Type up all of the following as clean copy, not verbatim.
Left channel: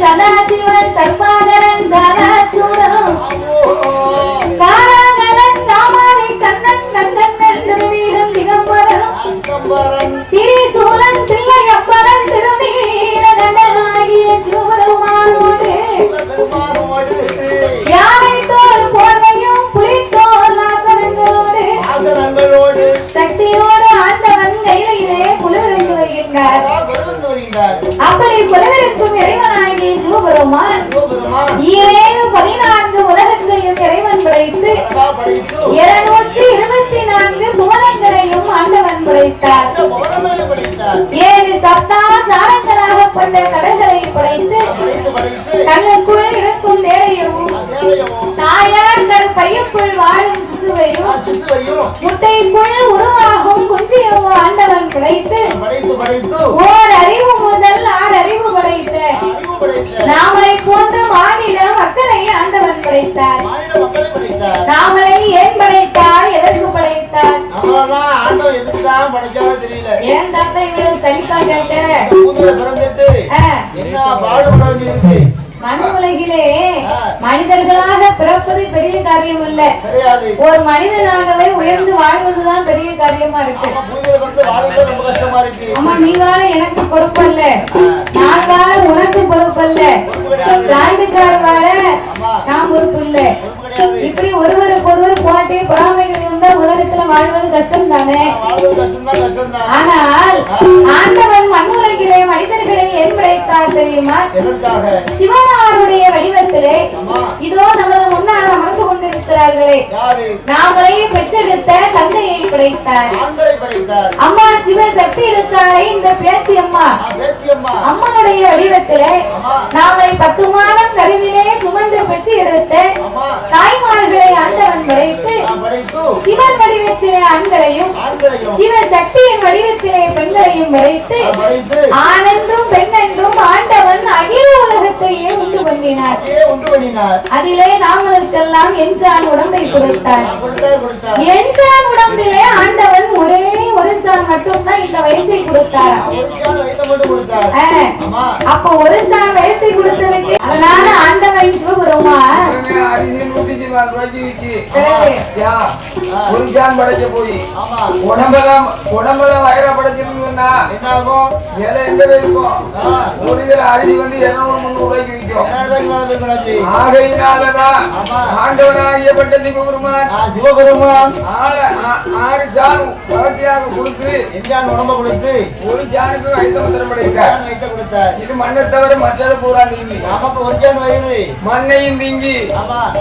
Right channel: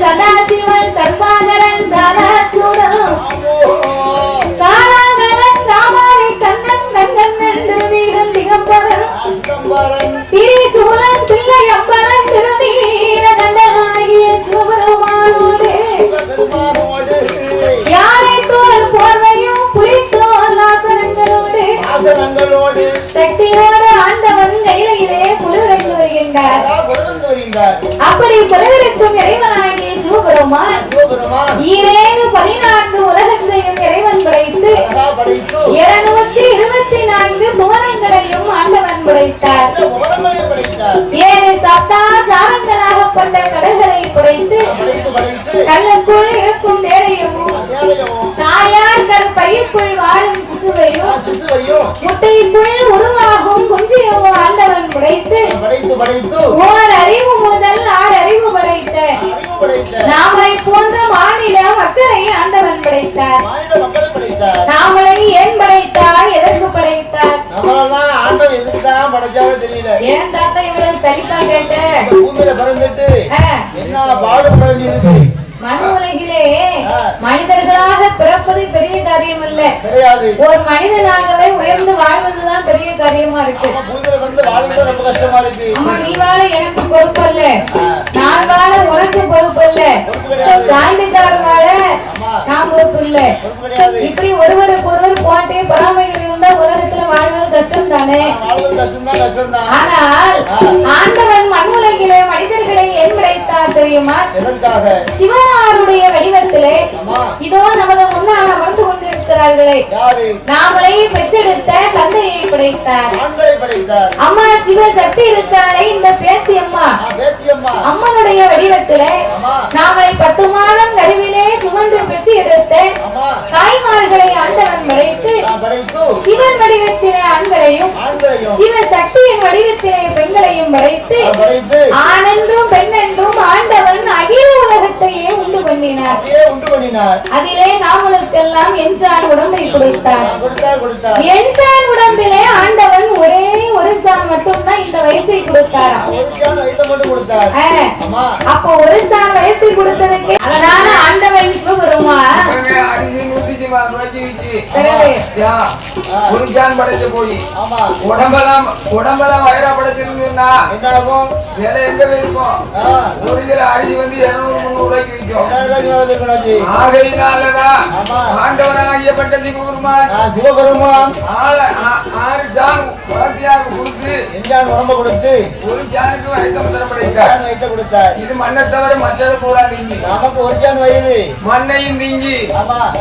சதாசிவன் சர்பாகரன் சாதாத்துடன் காலாகரன் தாமாரி கண்ணன் கண்ணன் என்று வீரன் திகம்பரன் திரிசூலன் தில்லை அப்பரன் திருநீல கண்டனாகிய சிவபெருமானோடு யானை தோல் போர்வையும் புலித்தோல் ஆசனங்களோடு சக்தியோடு ஆண்டவன் கையிலே குளிர்ந்து வருகின்றார். அப்படி குளிர்விருக்கும் இறைவனாகிய சிவபெருமான் 14 உலகத்தையும் இறைவன் படைத்து 224 புவனங்களையும் ஆண்டவன் படைத்தார். 7 சப்தா சாரங்களாகப்பட்ட கடல்களை படைத்து கல்லுக்குள் இருக்கும் தேரையும் தாயார் கருப்பையுக்குள் வாழும் சிசுவையும் முட்டைக்குள் உருவாகும் குஞ்சியும் ஆண்டவன் படைத்து ஓர் அறிவு முதல் 6 அறிவு படைத்த நாமளை போன்ற மாநில மக்களை ஆண்டவன் படைத்தார். நாமளை ஏன் படைத்தார், எதற்கு படைத்தார்? ஏன் தாத்தா இவ்வளவு சலிப்பா கேட்ட? மண் உலகிலே மனிதர்களாக பிறப்பது பெரிய காரியம் அல்ல, ஒரு மனிதனாகவே உயர்ந்து வாழ்வதுதான் பெரிய காரியமா இருக்கு. அம்மா நீ வாழ எனக்கு பொறுப்பு அல்ல, நான் வாழ உனக்கு பொறுப்பு அல்ல, சாய்ந்துக்கார வாழ நான் பொறுப்பு இல்ல. இப்படி ஒருவருக்கு ஒருவர் போட்டு பொறாமைகள் இருந்தா உலகத்துல வாழ்வது கஷ்டம் தானே. ஆனால் ஆண்டவன் மண் உலகிலே மனிதர்களை ஏன் படைத்தார் தெரியுமா? சிவனாருடைய வடிவத்திலே இதோ நமது முன்னால் அமர்ந்து கொண்டிருக்கிறார்களே நாமளை பெற்றெடுத்த தந்தையை படைத்தார். அம்மா சிவ சக்தி இருக்காளே இந்த பேச்சு அம்மா, அம்மனுடைய வடிவத்திலே நாமளை 10 மாதம் கருவிலே சுமந்து பெற்று எடுத்த தாய்மார்களை ஆண்டவன் படைத்து சிவன் வடிவத்திலே ஆண்களையும் சிவ சக்தியின் வடிவத்திலே பெண்களையும் படைத்து ஆணென்றும் பெண்ணென்றும் ஆண்டவன் அகில உலகத்தையே உண்டு பண்ணினார். அதிலே நாமளுக்கெல்லாம் எஞ்சான் உடம்பை கொடுத்தார். எஞ்சான் உடம்பிலே ஆண்டவன் ஒரே ஒரு சான் மட்டும் தான் இந்த வயசை கொடுத்தார். அப்ப ஒரு சான் வயசை கொடுத்ததுக்கு அதனால ஆண்டவன் சிவபெருமான் ஒரு சான் படைக்க போய் உடம்பெல்லாம் வயிறப்படைச்சிருந்தா விலை எங்க இருக்கும்? ஒரு கிலோ அரிசி வந்து 200-300 ரூபாய்க்கு விற்கும். ஆகையினாலதான் ஆண்டவனாகியப்பட்ட சிவபெருமான் 6 சான் வாழ்க்கையாக கொடுத்து உடம்ப கொடுத்து ஒரு சானுக்கு வைத்த மந்திரம் படைத்தார். இது மண்ணை தவிர மற்றது பூரா நீங்கி நமக்கு ஒரு சான் வயது மண்ணையும் நீங்கி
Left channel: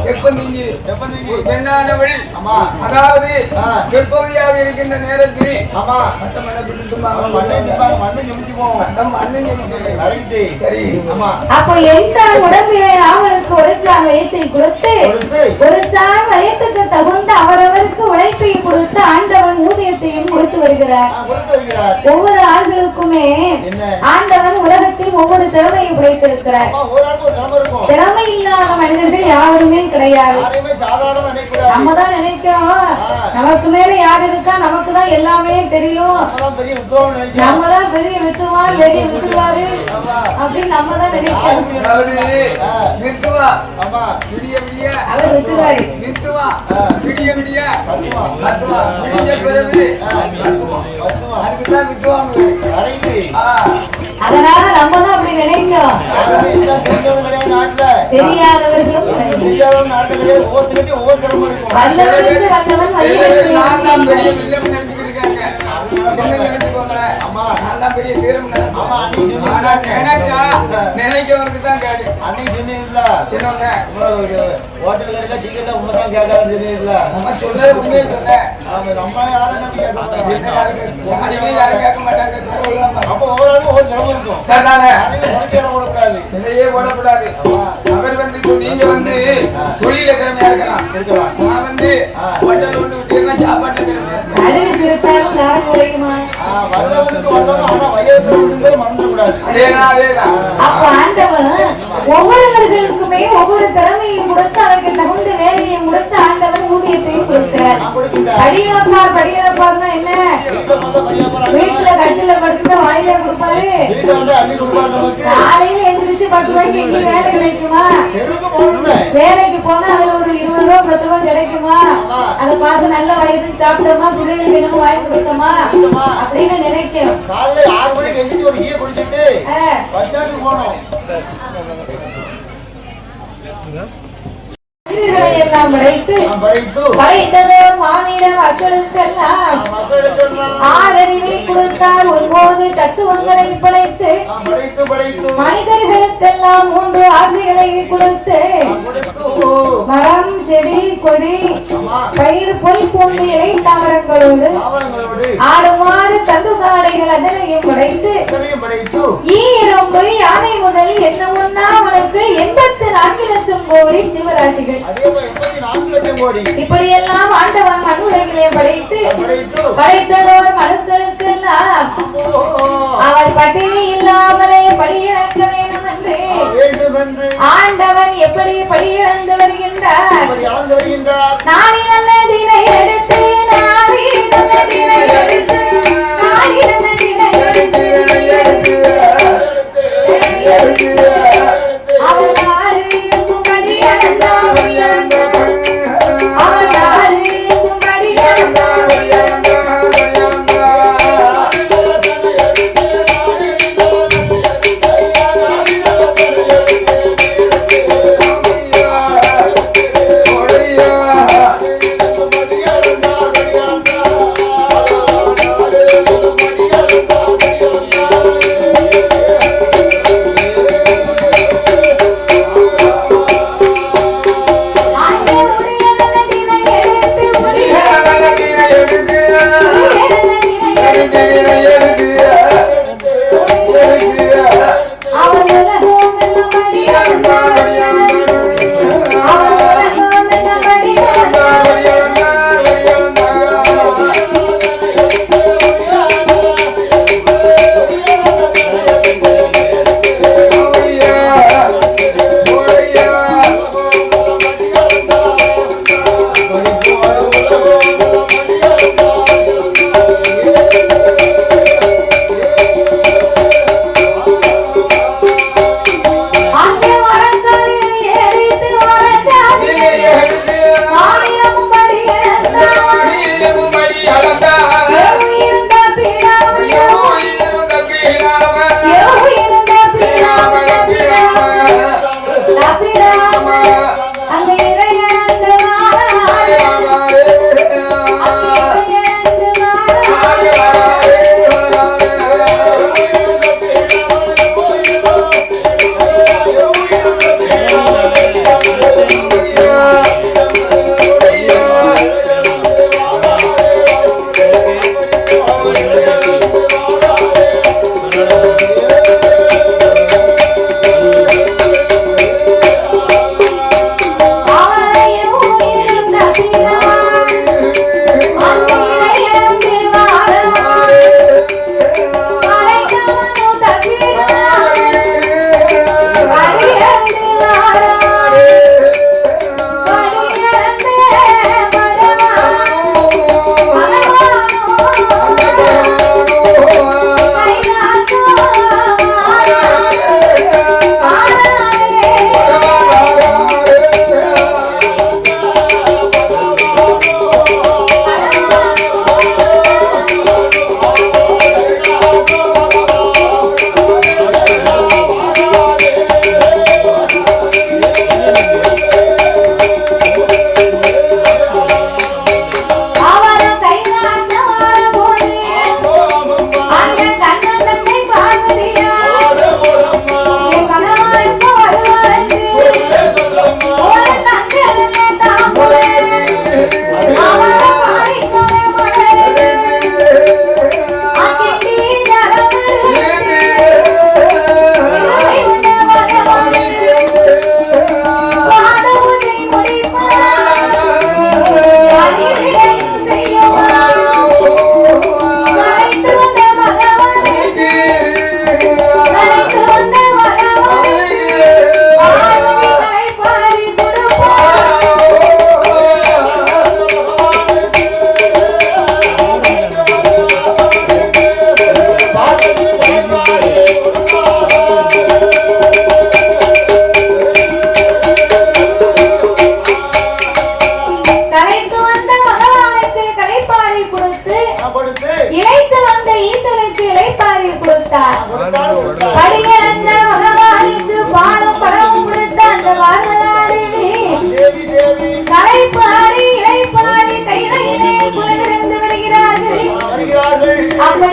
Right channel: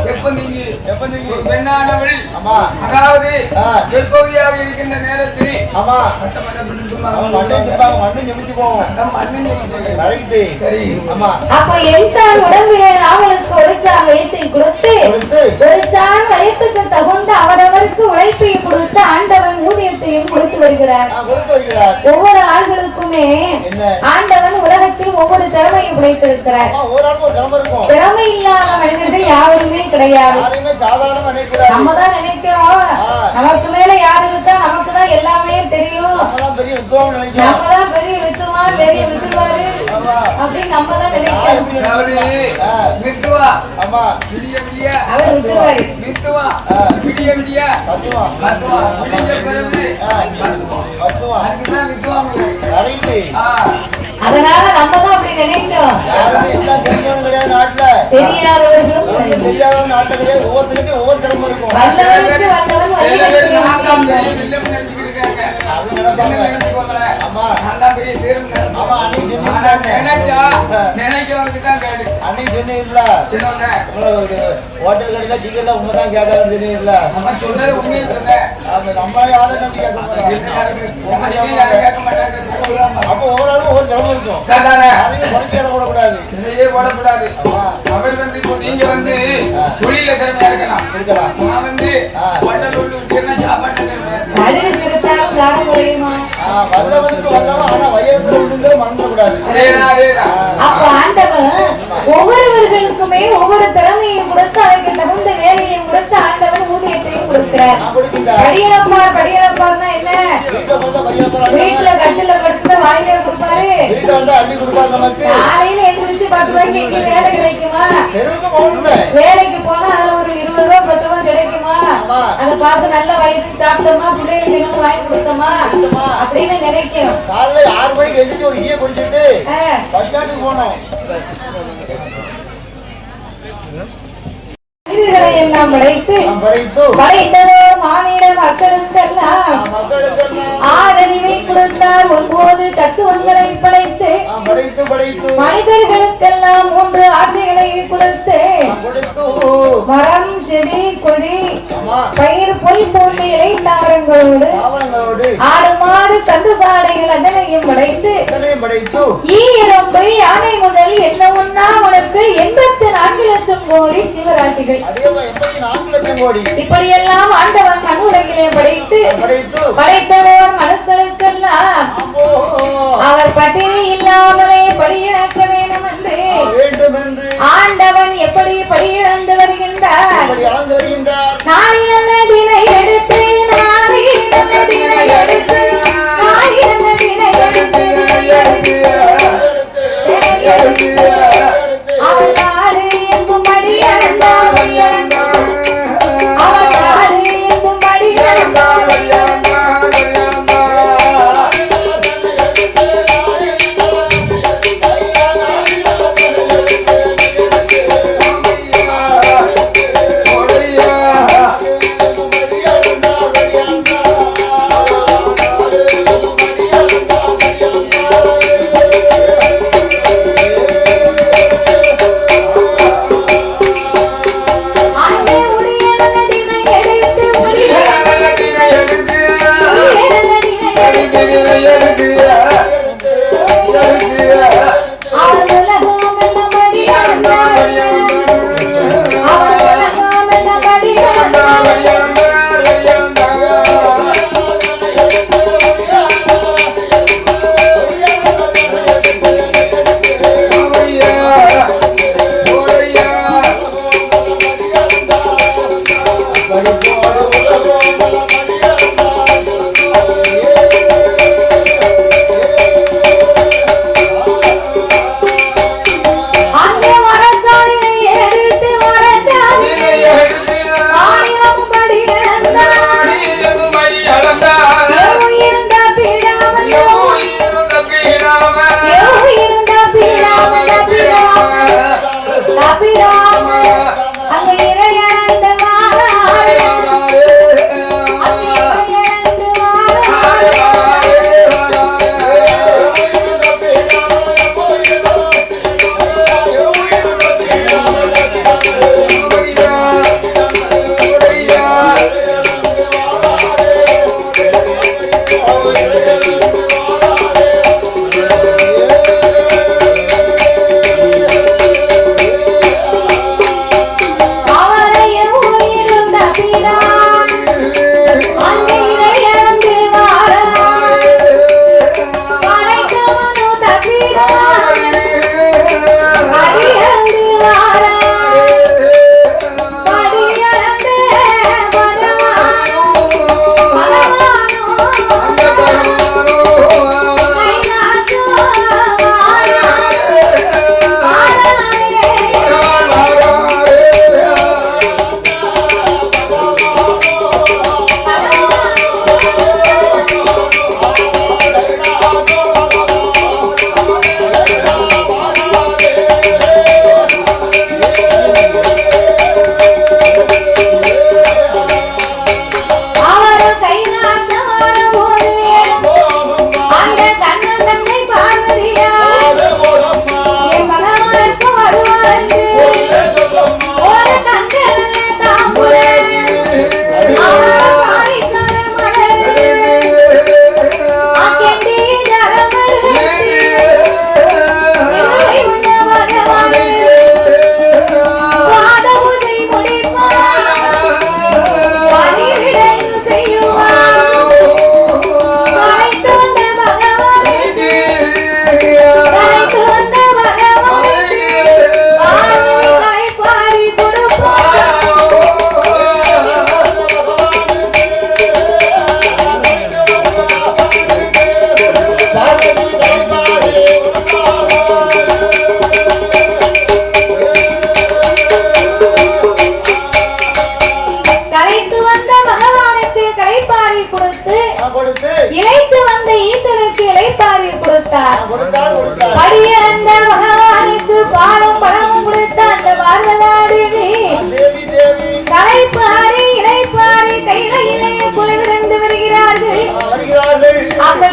வெப்பம் நீங்கி பெண்ணானவள் அதாவது வெப்பகுதியாக இருக்கின்ற நேரத்தில் அப்போ என்சான் உடம்பிலே ராமனுக்கு ஒரு சான் வயசை கொடுத்து ஒரு சான் வயத்துக்கு தகுந்த அவரவருக்கு உழைப்பை கொடுத்து ஆண்டவன் ஊதியத்தையும் கொடுத்து வருகிறார். ஒவ்வொரு ஆண்களுக்குமே ஆண்டவன் உலகத்தில் ஒவ்வொரு திறமையை படைத்திருக்கிறார். திறமை இல்லாத மனிதர்கள் யாருமே கிடையாது. நம்ம தான் நினைக்கிறோம் நமக்கு மேல யாரு இருக்கா, நமக்கு தான் எல்லாமே தெரியும், நம்ம தான் பெரிய வித்துவான் பெரிய வித்துவாரு அப்படின்னு நம்ம தான் நினைக்கிறோம். அவர் வித்துவாரு அதனால நம்ம தான் அப்படி நினைக்கிறோம். தெரியாதவர்களும் வல்லவனுக்கு வல்லவன் நினைக்கிறவனுக்கு தான் கேடு. ஹோட்டல் கடையில டிக்கெட்ல உண்மைதான் கேட்காது தெரியல. நம்ம சொல்றது உண்மையே நம்ம யாரும் கேட்க மாட்டாங்க. அப்போ ஒவ்வொரு ஒரு திறமை இருக்கும். போடக்கூடாது, நிலையே போடக்கூடாது. அவர் வந்து இப்போ நீங்க வந்து தொழில திறமையா இருக்கலாம். நான் வந்து ஹோட்டல் ஒன்று விட்டேன்னா சாப்பாட்டு ஒவ்வொருவர்களுக்குமே ஒவ்வொரு திறமையும் கொடுத்து அதற்கு தகுந்த வேலையை கொடுத்து ஆண்டவன் ஊதியத்தையும் கொடுக்கிறார். கொடுக்கின்றார். படியலப்பார்னா என்ன? வீட்டுல கட்டில படுத்து வாயில கொடுப்பாரு. காலையில எந்திரிச்சு 10 ரூபாய்க்கு இங்க வேலை கிடைக்குமா? வேலைக்கு போனா அதுல ஒரு 20 ரூபா 10 ரூபா கிடைக்குமா? அதை பார்த்து நல்ல வயது சாப்பிட்டோமா, பிள்ளைகளுக்கு வாங்கி கொடுத்தோமா அப்படின்னு நினைக்கிறோம். காலையில 6 மணிக்கு எந்திரிச்சு ஒரு ஈய குடிச்சிட்டு பஸ் ஸ்டாண்டுக்கு போனோம். எல்லாம் படைத்ததோ மானிட மக்களுக்கெல்லாம் ஆறறிவை கொடுத்தார். 9 தத்துவங்களை படைத்து மனிதர்களுக்கெல்லாம் 3 ஆசைகளை கொடுத்து மரம், செடி, கொடி, பயிர், பொல் போன்ற இலை தாவரங்களோடு ஆடு, மாடு, கந்துகாடைகள் அதனையும் படைத்து ஈரம்பு, யானை முதல் என்ன ஒன்னா அவனுக்கு 84 லட்சம் கோடி ஜீவராசிகள். இப்படியெல்லாம் ஆண்டவன் மனு உலகிலே படைத்ததோர் மனுக்களுக்கெல்லாம் அவர் பட்டினி இல்லாமலே படியிழக்க வேண்டும் என்று ஆண்டவன் எப்படி படியிழந்து வருகின்றார். நாளை நல்ல தினை எடுத்து அவர் நாடு எங்கும்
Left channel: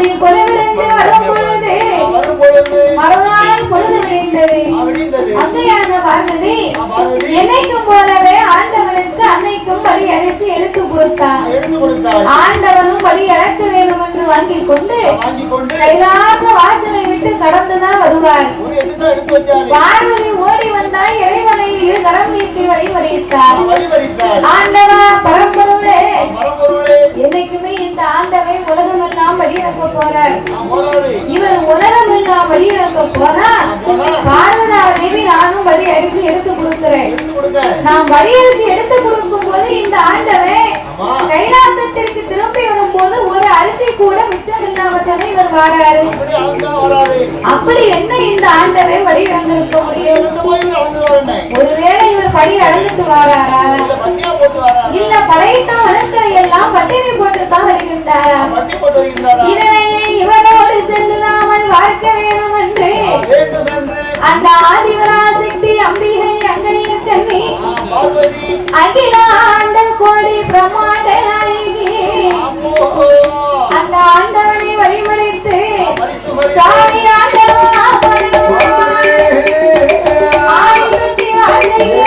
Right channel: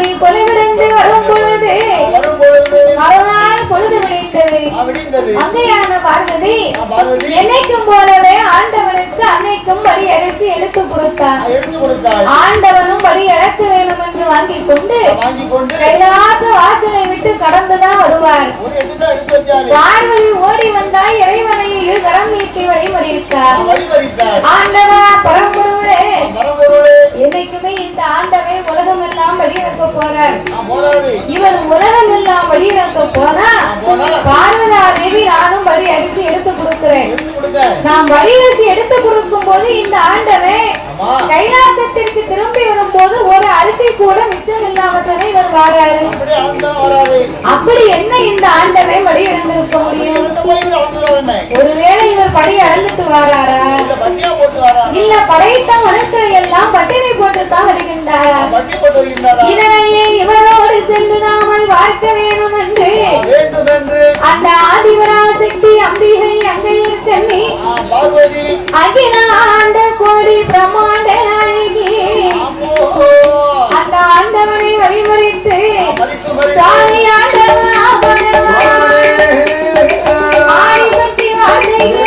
பார்வதி கொலைவிருந்து வரும் பொழுது மறுநாள் பொழுது விடிந்தது. அங்கையான பார்வதி என்னைக்கும் போலவே ஆண்டவனுக்கு அன்னைக்கும் படி அரிசி எடுத்து கொடுத்தார். ஆண்டவனும் படி அழைக்க வேண்டும் என்று வாங்கிக் கொண்டு கைலாச வாசலை விட்டு கடந்துதான் வருவார். பார்வதி ஓடி வந்தால் இறைவனை இரு கரம் நீட்டி வழிமறித்தார். ஆண்டவா பரம்பொருளே, என்னைக்குமே இந்த ஆண்டவை உலகமெல்லாம் வழியிறக்க போறார். இவர் உலகமெல்லாம் வழியிறக்க போனா பார்வதா தேவி நானும் வழி அரிசி எடுத்து கொடுக்கிறேன். நான் வழி அரிசி எடுத்து கொடுக்கும் போது இந்த ஆண்டவை கைலாசத்திற்கு திரும்பி வரும்போது ஒரு அரிசி கூட மிச்சம் இல்லாம இவர் வாராரு. அப்படி என்ன இந்த ஆண்டவை வழி இழந்திருக்க முடியும்? ஒருவேளை இவர் படி அளந்துட்டு வாராரா, இல்ல படைத்த மனுக்களை எல்லாம் பட்டினி போட்டுத்தான் வருகின்றாரா? இதனையே இவரோடு சென்று நாமல் பார்க்க வேண்டும் என்று அந்த ஆதிபராசக்தி அம்பிகை அங்கையில் கண்ணி அகில ஆண்ட கோடி பிரம்மாண்ட நாயகி அந்த ஆண்டவனை வழிமறித்து சாமி ஆண்டவா ஆதிசக்தி வாசகி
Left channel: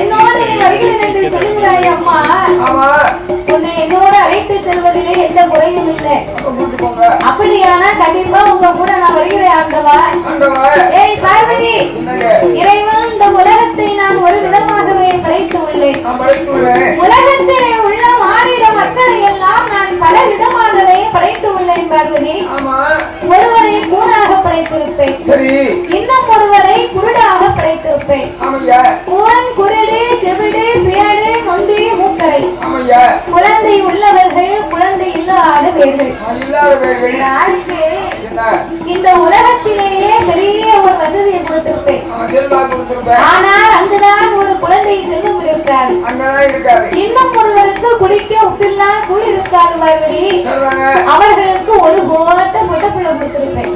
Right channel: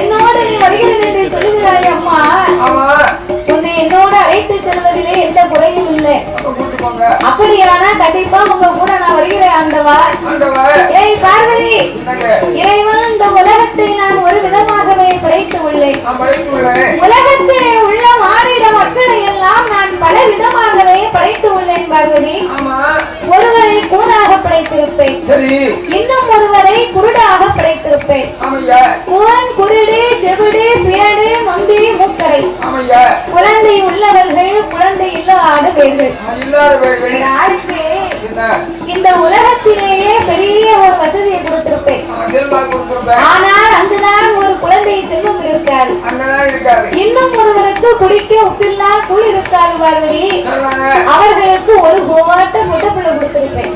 என்னோட நீ வருகிறேன் என்று சொல்லுகிறாய் அம்மா. உன்னை என்னோட அழைத்து செல்வதிலே எந்த குறையும் இல்லை. அப்படியானா கண்டிப்பா உங்க கூட நான் வருகிறேன் ஆண்டவா. ஏய் பார்வதி, இறைவன் இந்த உலகத்தை நான் ஒரு விதமாகவே படைத்து உள்ளேன். உலகத்திலே உள்ள மாறிட மக்களை எல்லாம் நான் பல விதமாகவே படைத்து உள்ளேன் பார்வதி. ஒருவரை கூறாக படைத்திருப்பேன், இன்னும் ஒருவரை குருடாக படைத்திருப்பேன். கூன், குருடு, செவிடு, பேடு, நொண்டி, மூக்கரை. குழந்தை உள்ளவர்கள், குழந்தை இல்லாத பேர்கள். இந்த உலகத்திலேயே பெரிய ஒரு வசதியை கொடுத்திருப்பேன். ஆனால் அங்குதான் ஒரு குழந்தை செல்வம் இருக்காது. இன்னும் ஒருவருக்கு குடிக்க உப்பில்லா கூழ் இருக்காது பார்வதி. அவர்களுக்கு ஒரு கோட்டை முட்டைப்புள்ள கொடுத்திருப்பேன்.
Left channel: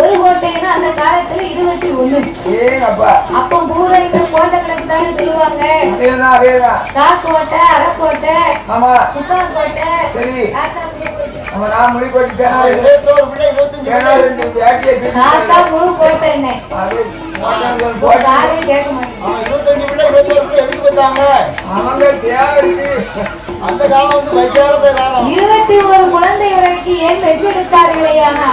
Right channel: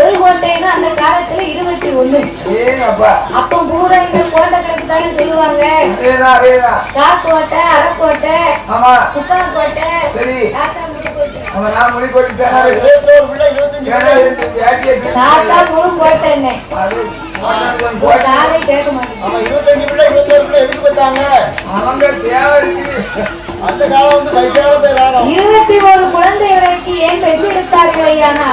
ஒரு கோட்டைன்னா அந்த காலத்துல 21. அப்ப பூரா இந்த கோட்டை கணக்கு தானே சொல்லுவாங்க. காக்கோட்டை, அரைக்கோட்டை, குப்பா கோட்டை. முடி கோட்டை கேட்க மாட்டேன். அந்த காலம் வந்து 21 குழந்தைகளுக்கு ஏன் பெற்றெடுத்தார்களேயானா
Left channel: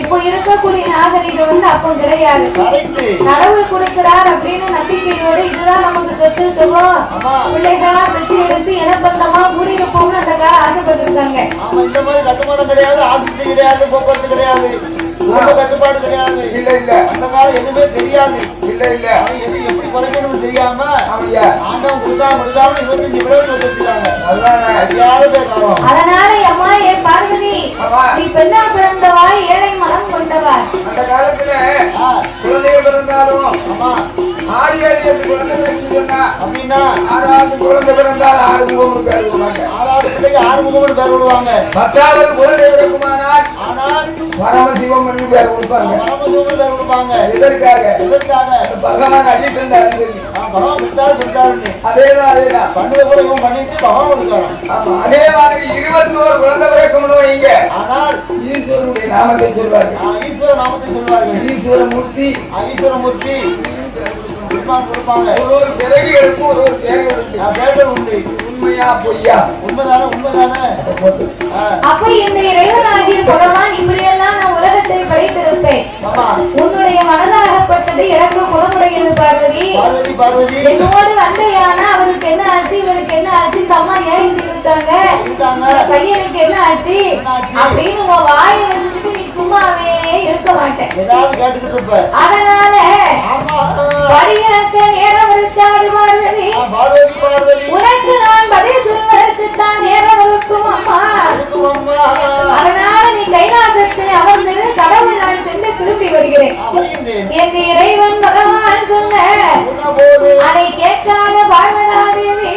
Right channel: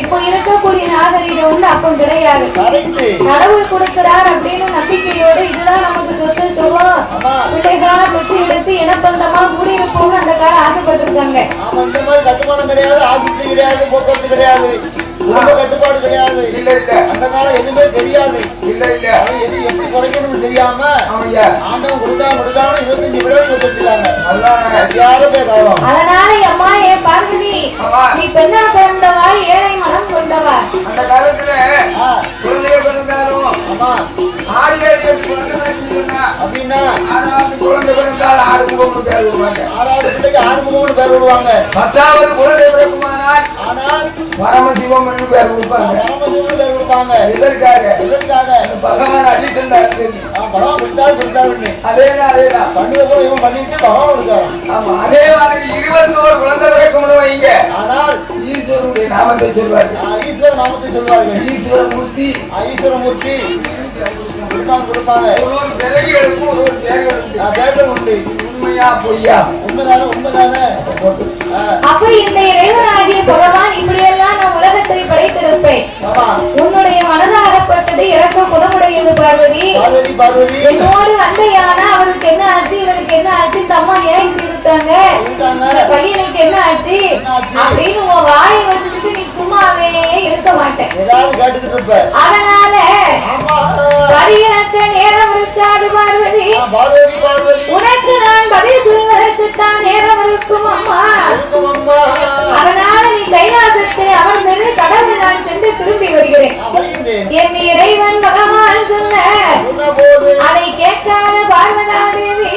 இப்போ இருக்கக்கூடிய நாகரிகம் வந்து அப்போ கிடையாது. கடவுள் கொடுக்கிறார் அப்படின்னு நம்பிக்கையோடு இதுதான் நமக்கு சொத்து சுகம் பிள்ளைகளா பெற்று எடுத்து இனப்பந்தமா கூடியிருப்போம்னு அந்த காலம் ஆசைப்பட்டிருக்காங்க. இந்த மாதிரி கட்டுமானம் கிடையாது, ஆஸ்பத்திரி கிடையாது, போக்குவரத்து கிடையாது, கட்டுப்பாடு கிடையாது. இல்ல இல்ல அந்த காலம் எதுவுமே தெரியாது. இல்ல இல்ல எது எப்படி குறைக்கணும்னு தெரியாம ஆண்டவன் கொடுக்காம 25 விடவை கொடுத்துருக்காங்க. அதனால அம்மா ஏ பார்வதி, நீ பெண்ணா பிறந்தவா, ஏழை மனம் கொண்டவா. அந்த காலத்துல குழந்தைய பிறந்தாலும் 6 7 8 குழந்தை பிறக்குன்னு சொன்னா அப்படின்னா 6வது குழந்தை பிறந்தால் 6 முகம்னு பேர் விடுவாங்க. 6வது பிள்ளைக்கு 6 முகம்னு பேர் விடுவாங்க. 10வது குழந்தை பிறக்குமானால் ஆனால் பரமசிவம் என்று பேர் கொடுப்பாங்க. பரமசிவம்னு பேர் கொடுப்பாங்க. எதற்காக பகவான் அடித்தந்தார் சொல்லி பகவான் கொடுத்தாரு. அதேதான் பண்ணிய கூட இவன் பண்ணிட்டு பகவான் கொடுத்தாரு. ஆமா, அதே மாதிரி 21 குழந்தை பிறக்கணும் வைங்க. ஆனால் ஈஸ்வரனுடைய நாமத்தை சொல்வார்கள். ஈஸ்வர நாமத்தை சொல்வார்கள். ஈஸ்வரமூர்த்தி கொடுப்பாங்க. ஒரு பிறகுகளுக்கும் ஒரு பேர்கள் உண்டு. உண்மையா பொய்யா? உண்மைதானே. அப்ப இந்த இறைவனாகிய பகவான் இப்படியெல்லாம் நான் உலகத்தை படைத்திருப்பேன். உன்னுடைய மனதாகப்பட்டது எனக்கு குணமுடையது பார்வதி. என்னோடு அண்டையான அவருக்கு என்ன ஆச்சு, இவருக்கு என்ன ஆச்சு, இந்த அம்மா ஏன் இப்படி இருக்காங்க, பையனுக்கு என்ன ஆச்சு அப்படின்னு உன் வாயை வச்சுட்டு நீ சும்மாவே இருக்க மாட்டேன். அதனால படியினத்த நேரம் இருக்காது பார்வதி. உனக்கு நான் பதில் சொல்வதற்கு தான் நேரம் இருக்கும் அம்மா. அதனால நீ கைலாசத்தில் அமர்ந்து கடவுள் நான் சென்று திரும்பி வருகிறேன். என் இறைவன் பகவான் சொன்ன அதை கேட்காத பார்வதா தேவி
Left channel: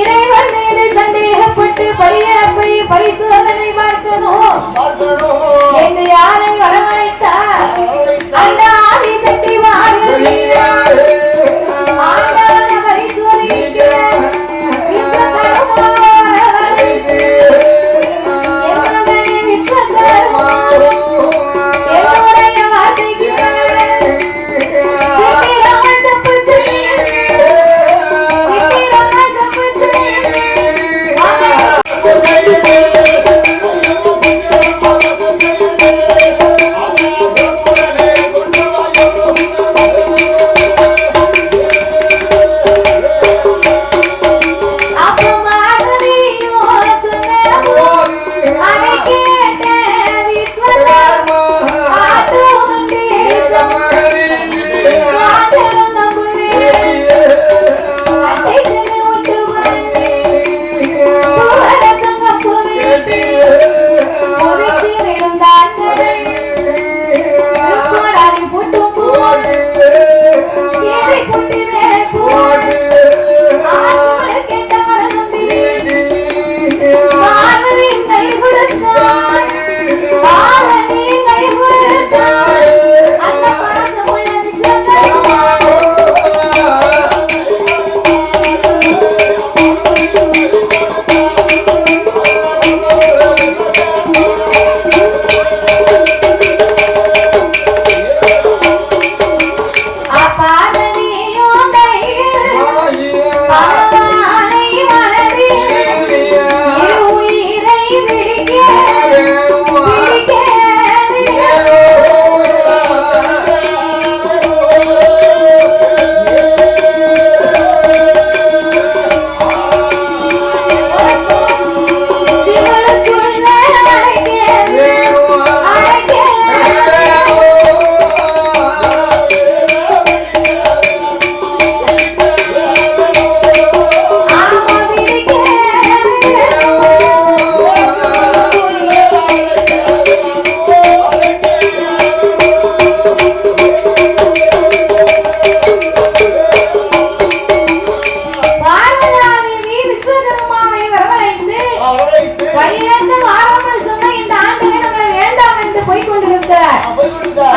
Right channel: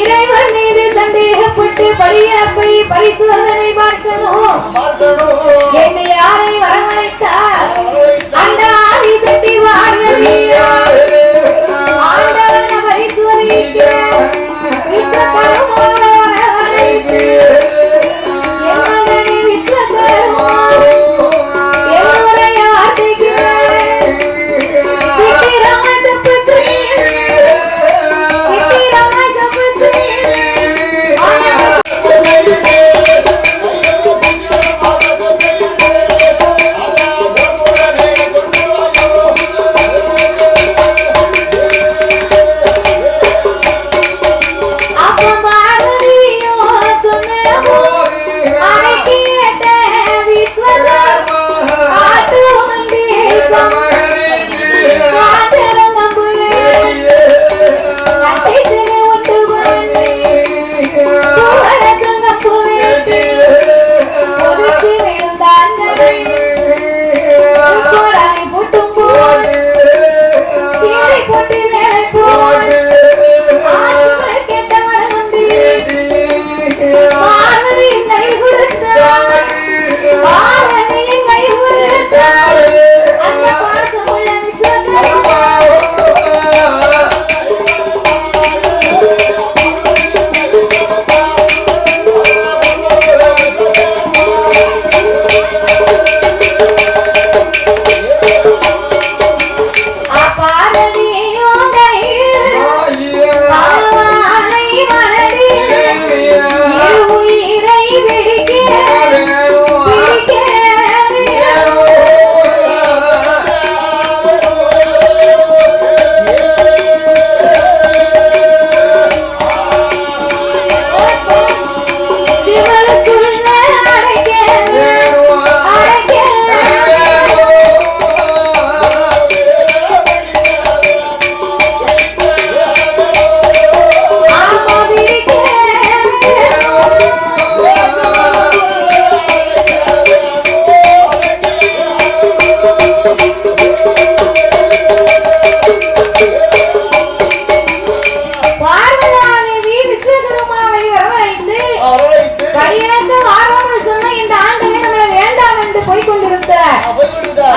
இறைவன் மீது சந்தேகப்பட்டு படியிழப்பை பரிசோதனை பார்க்கணும் என்று யாரை வரவழைத்தார்? அந்த ஆதி சக்தி பார்வதி ஆண்டான பரிசோதிக்க விஸ்வகர்மாவை வரவழைத்து என்னுடைய விஸ்வகர்மா என்னுடைய வார்த்தைக்கு சித்திரமா சப்புச்சு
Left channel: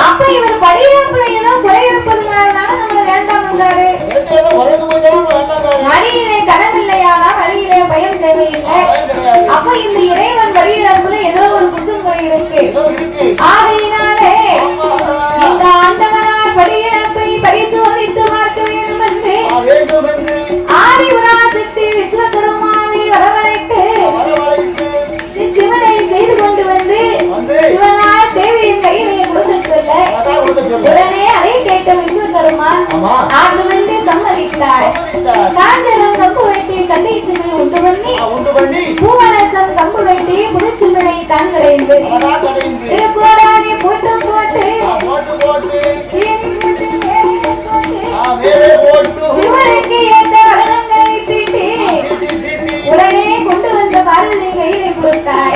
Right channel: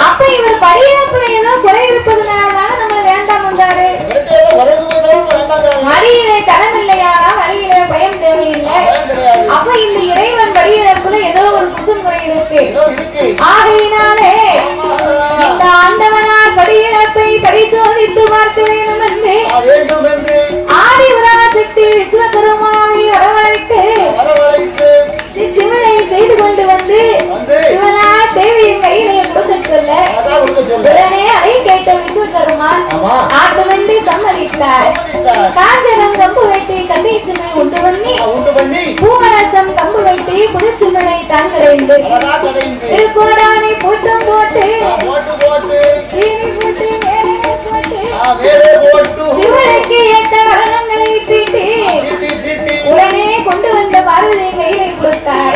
அப்ப இவர் படியில ஏதோ குறை இருப்பதுனாலதான் நம்மள வேண்டாம் வந்தாரு. மடியிலே கடமில்லையானா வழியிலே பயம் தேவையில்லை. அப்ப இந்த இறைவன் படியிறப்புல ஏதோ ஒரு குற்றம் குறை இருக்கு. ஆகையினாலே இந்த ஆண்டவனார் படியிறப்பை பரிசோதித்து பார்க்க வேண்டும் என்று ஆதிபராசக்தி விஸ்வகர்மாவை வரவழைத்து சிவனை செய்து கொண்டு வந்து சிவனார் தேவியின் கையிலே கொடுக்க சொல்ல உடனே அதை கேட்ட விஸ்வகர்மா ஆண்டு வந்து சம்மதித்தார். காஞ்சனம் கம்பு வெட்டி கண்டை சிமை உண்டு பண்ணி பூவரசம் கம்பு வெட்டி புதுச்சிமலை தான் கடைந்து திருக்கோடானி பூட்டம் போட்டு சீனி போட்டு மேலே போட்டு சிவனுக்கு ஏற்ற வரணங்களை தீட்டி உடனே கொண்டு வந்த பார்வதி கையிலே கொடுத்தார்.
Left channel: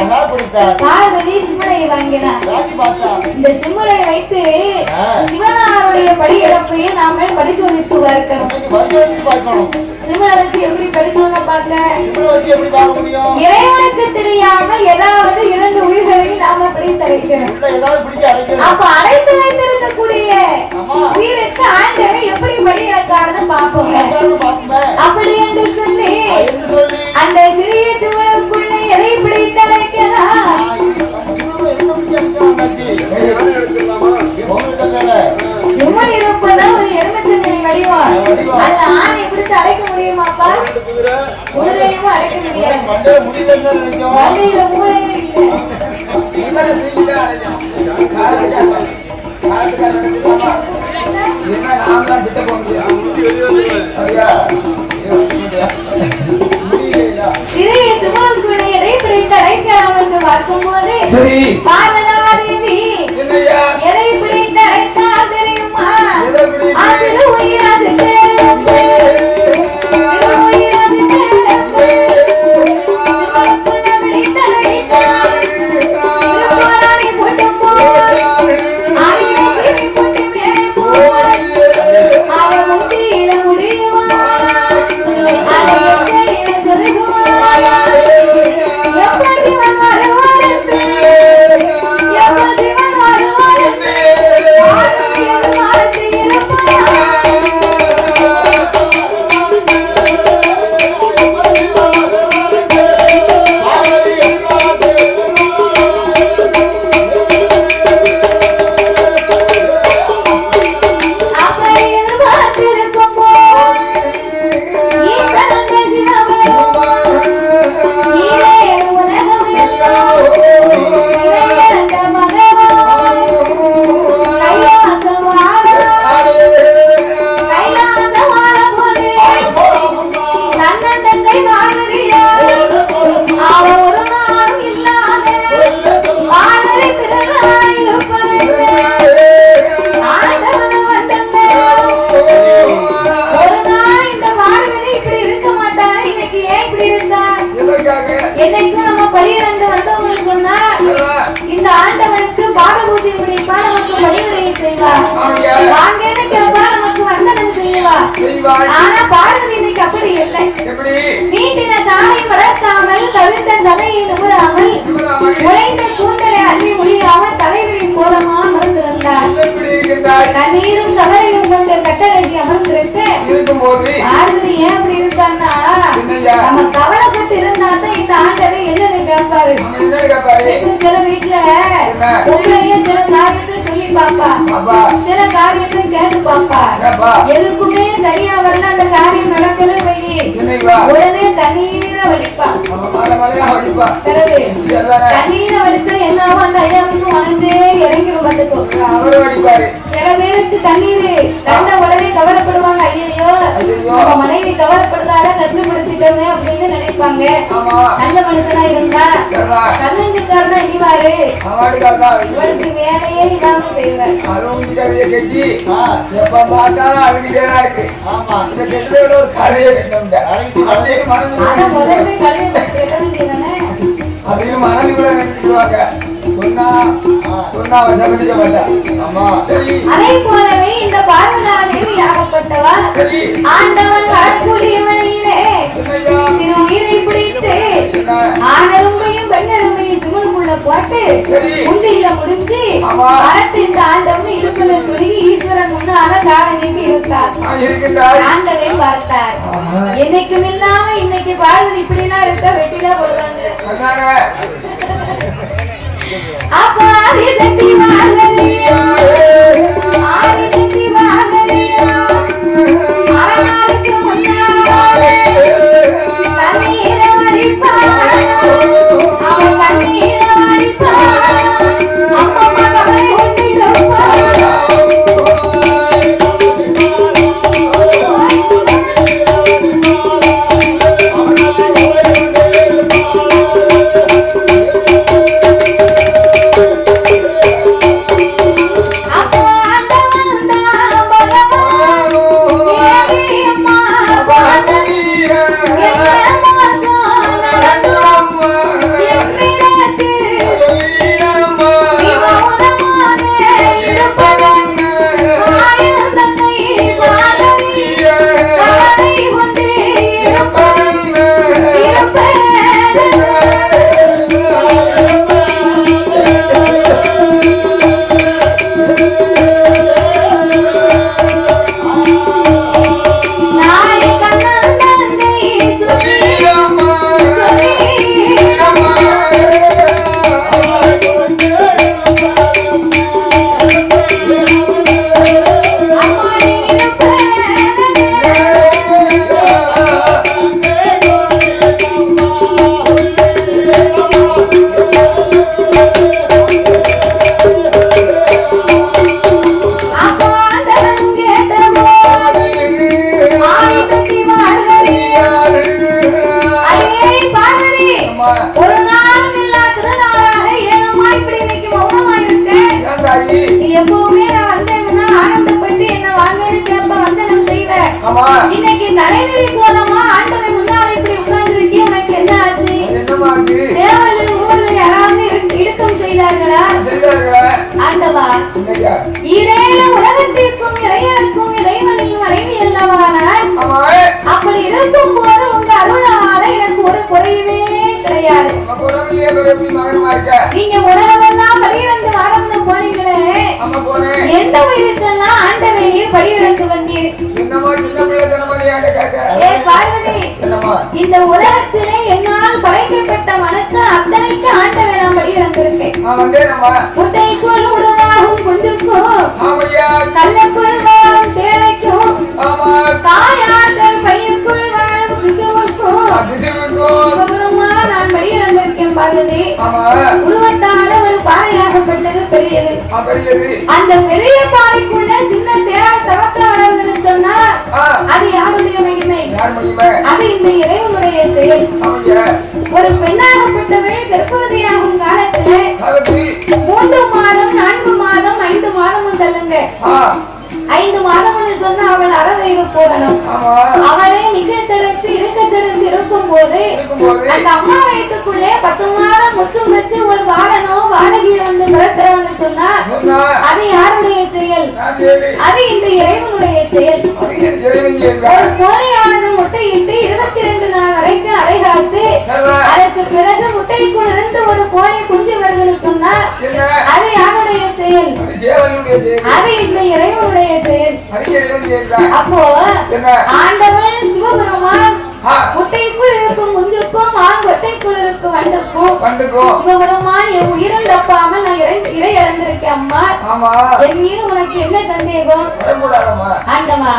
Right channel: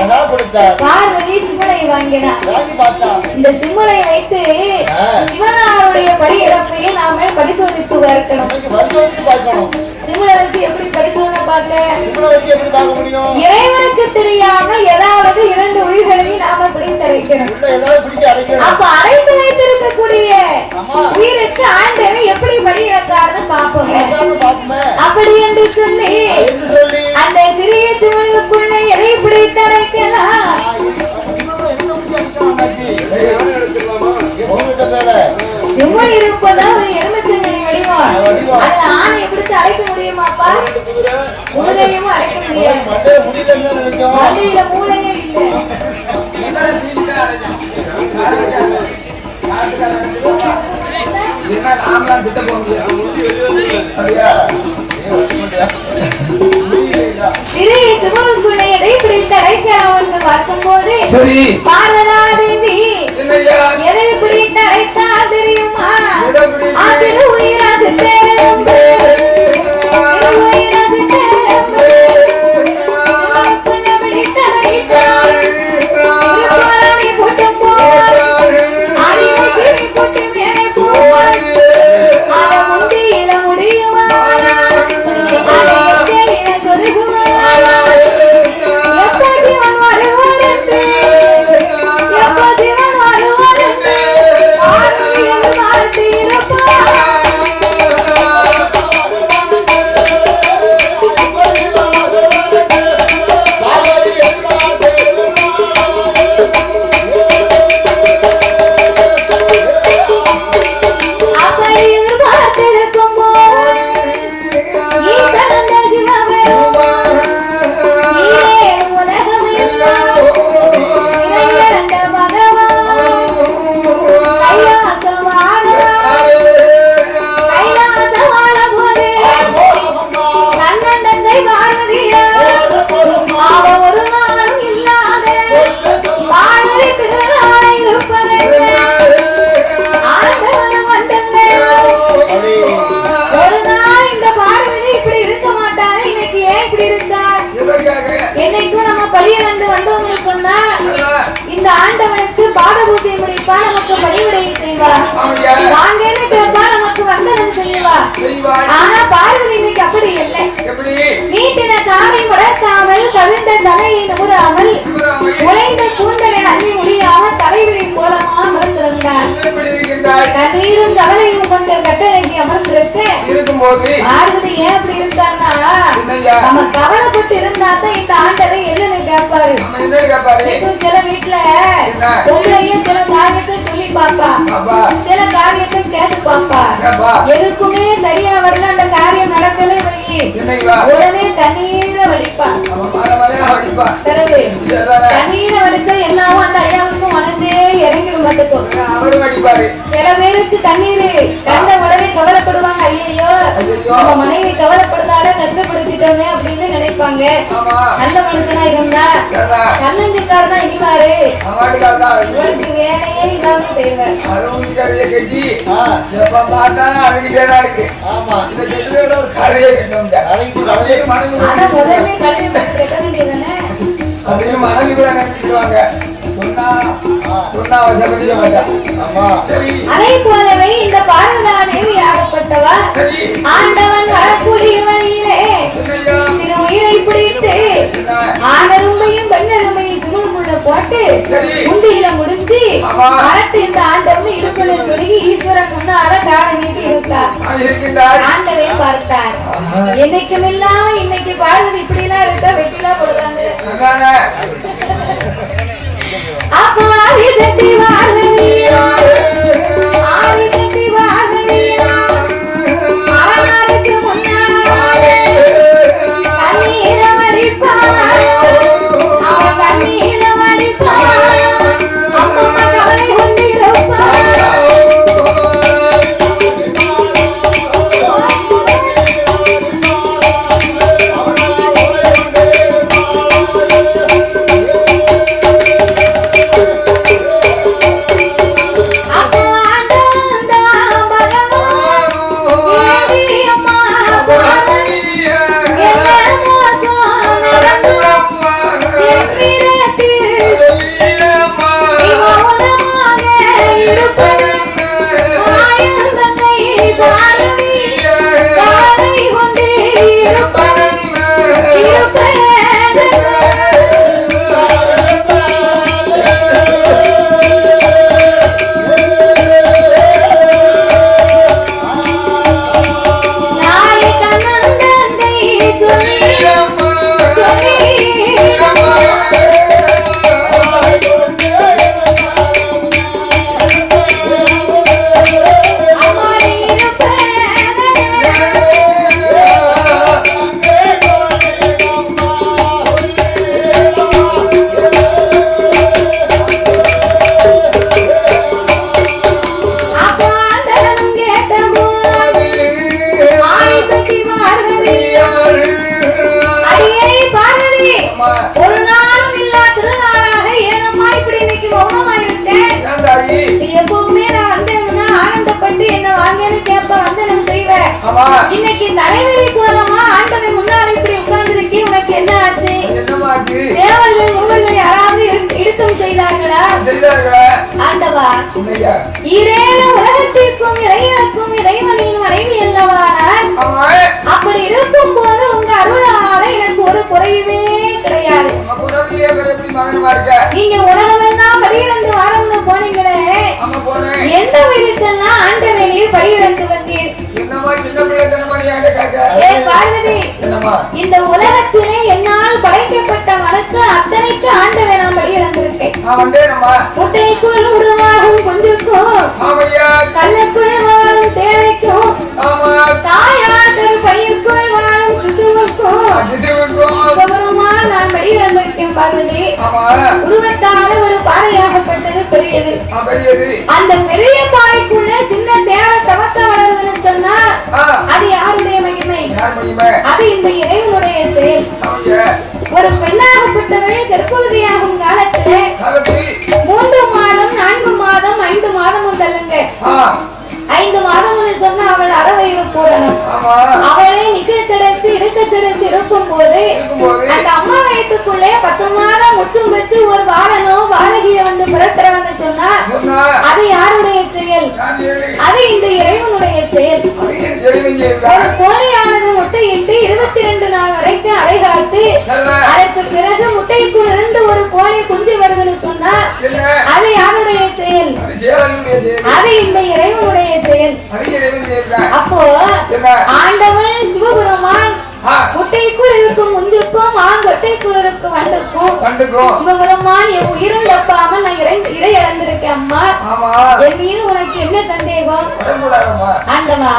பார்வதி சிவனை வாங்கினார். இந்த சிவனை வைத்து சிவனார் சிவனுடைய படி இழப்பையை நாம பரிசோதித்து பார்க்கணும். சிவனை வச்சு எப்படி பரிசோதனை பார்க்க? இறைவனுக்கு தெரியாமல் ஏதாவது இரண்டு உயிர்களையும் நாம பிடித்து அடைக்கணும். அப்ப அடைத்து வைத்திருக்கக்கூடிய உயிருக்கு ஆண்டவன் எப்படி படி இழக்காருன்னு பார்ப்போம். அப்படி என்று சொல்லி அந்த சிறிய சிவனுக்குள்ள எதை பிடித்து அடைக்கலாம்? சிவன் இருப்பதா ஒரு எலுமிச்சை வடிவம். அது ஆணையை பிடிச்சு அடைக்க முடியுமாப்பா? குதிரையும் அடைக்க முடியாது. மண்டையில மூளையே இல்லை. சிறிய சிவனுக்குள்ள எதை பிடித்து அடைக்கலாம் என்று பார்க்கும்போது பார்வதா தேவி எதை பிடித்து அடைத்தால் தெரியுமா? அதில் உயிராது என்னைக்கும் நம்ம பலியிழந்து வந்தோம்னு சொன்னா இந்த ஆண்டவனுக்கு பாதபூஜை முடிப்பா, நமக்கு பலிவிடையை செய்வா, வாங்கன்னு கேட்பா, நமக்கு வந்தனம் செய்வா. ஆனா பார்வதி இன்னைக்கு அப்படி இல்லை. நீட்டின காலை மடக்காமல் கவிழ்ந்த தலையை நூறாமல் உழைந்த கூந்தலை அள்ளி முடியாமல் தலைவிரி கோலமா அமர்ந்திருந்தார். கண்ணீரும் கவலையும் கொண்ட கட்டழகி அமர்ந்திருக்க பார்வதி ஏன் அப்படி இருக்கான்னா, நம்ம கவலைப்பட்டு இருந்தா தான் இந்த ஆண்டவை என்னன்னு கேட்பாரு. சில வீட்டுல பொம்பளையே சில காரியத்தை சொல்லி பாப்பா, சில காரியத்தை கேட்டு பாப்பா, எதுக்குமே சரியா வரல, அந்த காரியம் நடக்கல வை, உடனே தண்ணீரை வலிப்பா. தண்ணீரை வலிச்சா என்னாவும் அந்த ஐயாவுக்கு மனசே இறங்கிடும். பார்த்துக்கோ, சில பேருக்கு தண்ணீர் கண்ட உடனே கவலைப்படுவாங்க, ஐயோ நம்ம மனைவி கவலைப்படுதால கஷ்டப்படுத்திட்டோமே அப்படின்னு நினைப்பாங்க. நல்ல மனுஷனா இருந்தா கல்லஞ்சிக்காரனா இனிவாரு, உங்களுக்கு வேலையே இல்லாம போயிடுவார். அத முதல்ல கல்வி கட்ட வேண்டியதானே. அதே போலவே இந்த பார்வதா தேவி ஆகப்பட்டவா ஆண்டவன் வரக்கூடிய வழியிலே சிறு உயிரை பிடித்து ஆணருமையும் பெண்ணருமையும் சுமனுக்குள்ள போட்டு முந்தியில முடிஞ்சு அரட்டு இந்த ஆண்டவன் இடுப்புல சொல்லி ஈஸ்வரன் முன்னால கால நீட்டி இருந்தார். ஆண்டவே பார்த்தார். என்னைக்கும் இல்லாம இன்னைக்கு பார்வதி இப்படி எல்லாம் இருக்க வெட்டிலாம் போடுறாங்க. அப்பா ஆதி சக்தி வாழறியா, ஆதி சக்தி வாழறியா, அரணாருக்கு முன்னாலே கண்ணீர வடிப்பா, அவன் கண்ணீர வடிப்பா, அம்மா கவலை கொண்டிருப்பா. அப்ப கூப்பிட்டு என்ன வாங்கன்னு கேட்ப வந்தனம் செய்வ. ஆமா இன்னைக்கு தலைவரி கோலமா ஆண்டவன் முன்னால இப்படி உட்கார்ந்திருக்கே, உனக்கு என்ன ஆச்சு? என்னமாச்சு? தேவர்கள் மூவர்கள் யாராவது இடுக்கம் செய்தார்களா? செய்தார்களா? ஆண்டவா, என்னையா? ஈரேழு உலகத்திற்கும் இறைவனுக்கும் இறைவனின் மனைவி அல்லவானார். ஆமா அப்படி இருக்கும் போது உங்க அருளால எனக்கு ஒரு குறையுமே கிடையாது. அப்ப உடனே எப்படி மகனமா இருக்க? நீங்க உலகமெல்லாம் படியிறந்து வாரம்னு போனீங்களே, ஆமா போனேன். எந்த வயதுக்கெல்லாம் ஆண்டவனே நீர் படியிறந்து வந்தீர்? என்னமா சின்ன பிள்ளை தினமணியாக கேட்க? ஏ பார்வதி, என்னமா? இந்த உலகத்திலே என்னால் படைக்கப்பட்ட மனுக்கு அத்தனைக்கு ஆண்டவன் நான் படியிறந்திருக்கேன். வந்தேனம்மா. முட்டைக்குள் உருவாகும் குஞ்சுக்கும், ஆமையா. கல்லுக்குள் வாழும் தேவைக்கும், ஆமா தாயாதர் பையுக்குள் வாழும் சிசுவுக்கும் சிவபெருமா நான் படியிறந்திருக்கேன். பார்வதி, ஆமா உருவத்தால ஒரு பாறையாகப்பட்டது பெரியது. பெரியது. அந்த பெரிய பாறைக்குள்ள சின்ன தேவை தவத்த வளருதுன்னு சொன்னா அது யாருடைய மகிமை? யார் மகிமை? அது இந்த இறைவனுடைய செயல். ஆமையா. ஒரு பெண்ணாகப்பட்டவள் கர்ப்பவதியாகும் காலத்துல 3 மாதம் 4 மாதம் 5 மாதமும் தள்ளுங்க. 5 மாதம்னு சொன்னா அவள் அறவயிறு பூரணம். ஆமா அவளே நிக்க செடைச்சு இருக்க செடைச்சு இருக்கும் போது அந்த அம்மா வயிற்றுக்குள்ளே 10 மாதம் முச்சும் வச்சு ஒரு வாழனோ வாழகிய வந்து பிறக்கிறவன்னு சொன்னா அது யாருடைய செயல்? அது இந்த இறைவனுடைய செயல். ஒரு கோழியானது முட்டையிட்டு 22 நாள் வரைக்கும் அடைகாத்து அதற்கு பிறகு முட்டைக்குள் இருந்து ஒரு கோழி குஞ்சு வருதுன்னு சொன்னா அது யாருடைய செயல்? அது இந்த இறைவனுடைய செயல். அப்போ ஆண்டவன் சிவபெருமான் முட்டைக்குள் இருக்கும் குஞ்சுக்கும் ஆங்கொட்டைக்குள் இருக்கும் வண்டுக்கும் சிவபெருமான் என் உயிரும் தப்பாமல் நான் இறை இழந்திருக்கேன். அம்மா, என் மீது உனக்கு என்ன சந்தேகம்? ஆண்டவா,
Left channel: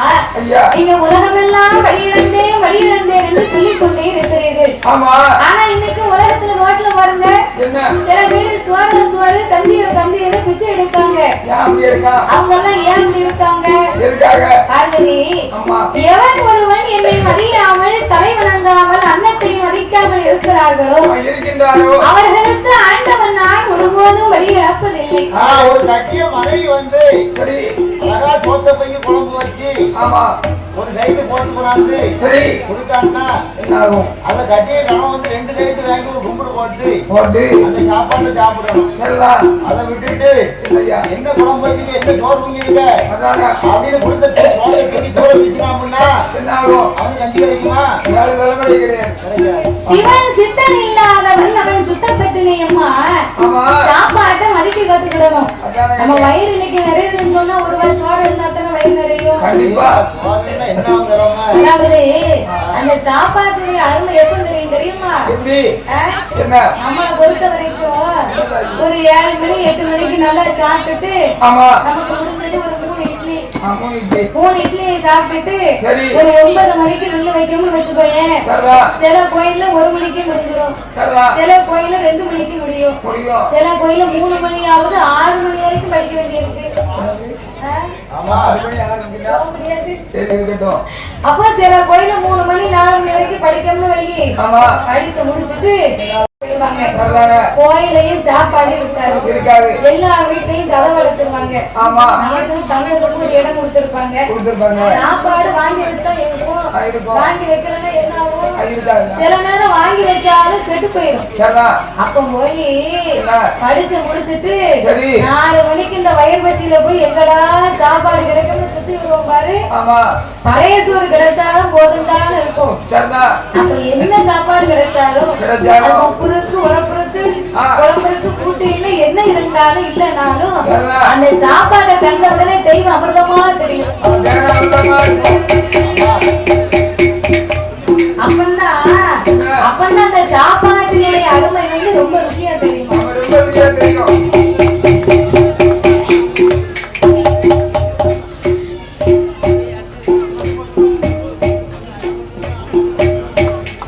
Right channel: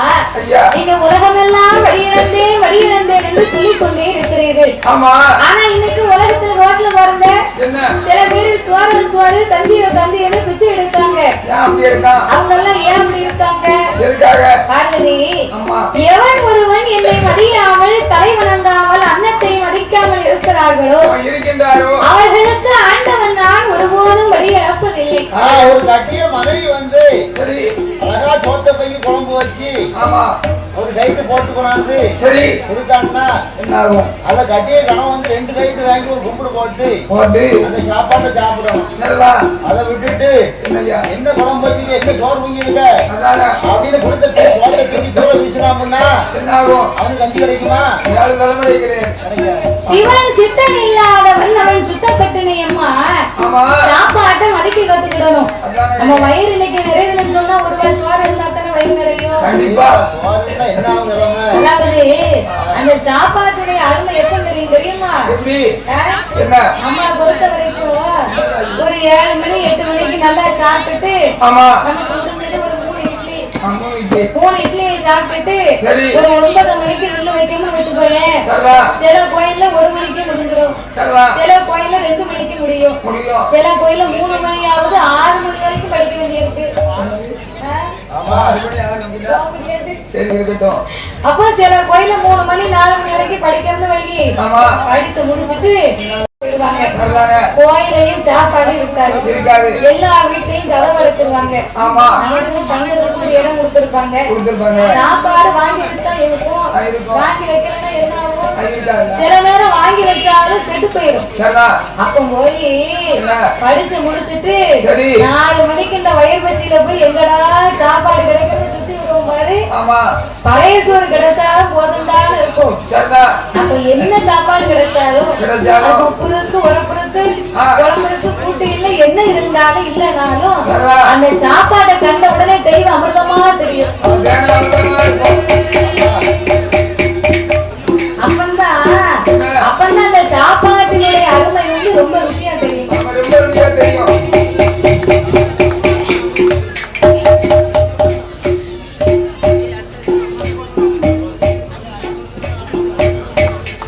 நீங்க உலகமெல்லாம் வழியிழந்தேன் என்று சொல்லிக் கொண்டே இருக்கிறீர்கள். ஆனா இன்னைக்கு உலகத்துல ரோட்ல பாருங்க, சில பேரு சோறு கஞ்சின்னு பிச்சை எடுக்காங்க. அவங்க எல்லாம் ஏன் அப்படி இருக்காங்க? பார்வதி, எவன் ஒருவன் என்னை மதியாமல் தலை வணங்காமல் அன்னத்தை மதிக்காமல் இருக்கிறார்களோ அவர்களுக்கு ஆண்டவன் நான் ஒருபோதும் வழி இழப்பதில்லை. ஒரு கட்டிய மனைவி வந்து அழகா சோத்த பைய குழம்பு வச்சு ஒரு லைட்டு போட்டு கொண்டாந்து சரி கொடுத்தாங்கன்னா என்ன ஆகும்? அத கட்டிய கணவன் வந்து 2 லைட்டு வாங்கி ஒரு கும்பிடு போட்டு அந்த சாப்பாட்டை சாப்பிடணும். அதை விட்டுட்டு என்ன குழம்பு வச்சு என்ன சோறு வாங்கிருக்க அப்படின்னு கொடுத்த சோத்தை தூக்கி தூர வீசினாம்னா என்ன ஆகும்? அவனுக்கு கஞ்சி கிடைக்குமா? சிவன் சித்தன் இல்லாதவன் அவன் சுத்தப்பட்டினை. அம்மா, சாப்பாட்டை மதிக்க கத்துக்கிடணும். நம்ம வயிறு இன்னைக்கு நிறையுதுன்னு சொன்னா ஒரு வாரம் சோறு இருந்தா தானே வயிறு நிறையும். அதாவது அந்த சாப்பாட்டுடைய அருமை எப்ப தெரியுமா? நம்மளை பொறுத்த வரைக்கும் ஒரு 7 மணி 8 மணிக்கு நல்லா சாப்பிட்டுட்டு நமக்கு முடிஞ்சது ஒரு 3 இட்லி சாப்பிட்டுட்டு ஒரு 9 மணிக்கு நெல்லு வைக்கணும்னு வச்சுக்கோயேன். சில கோயில்ல 1 மணிக்கு முடிஞ்சிடும், சில கோயில்ல 2 மணிக்கு முடியும், சில கோயில்ல 3 மணியாவது 6 மணி வரைக்கும் படிக்க வேண்டியிருக்கு. அப்போ சில கோயில்ல 3 மணி 4 மணி வரைக்கும் படிக்கணும்னு வை. படிச்சு முடிச்சுட்டு கோயிலையும் சாப்பாடு இருக்காது, எல்லா வீட்லயும் கதவு அடைச்சிருவாங்க, இடம் கொடுத்திருப்பாங்க. சாப்பாடு வாங்கி வச்சா இருக்கும், வாங்கி வைக்கலன்னா என்ன ஆகும்? சில நேரம் வாங்கி வச்சாலும் கெட்டு போயிடும். அப்ப போய் படிச்சு முடிச்சுட்டு 4 மணிக்கு இந்த வயல் பசியில போய் எங்கடா சாப்பாடு கிடைக்கணும்னு சுத்தி விடுவோம் பாரு. பழைய சோறு கிடைச்சாலும் போதும்டான்னு இருக்கும். அப்ப என்ன சாப்பாடு கிடைச்சாலும் உரப்புறத்து குழம்புக்கு கூட்டு இல்ல என்ன இருந்தாலும் இல்லனாலும் அந்த சாப்பாட்டை கண்ட உடனே தெய்வம் அமிர்தமா தெரியும். அப்பந்தான் அந்த சாப்பாட்டினுடைய அருமை வந்து ரொம்ப ருசியா தெரியும்.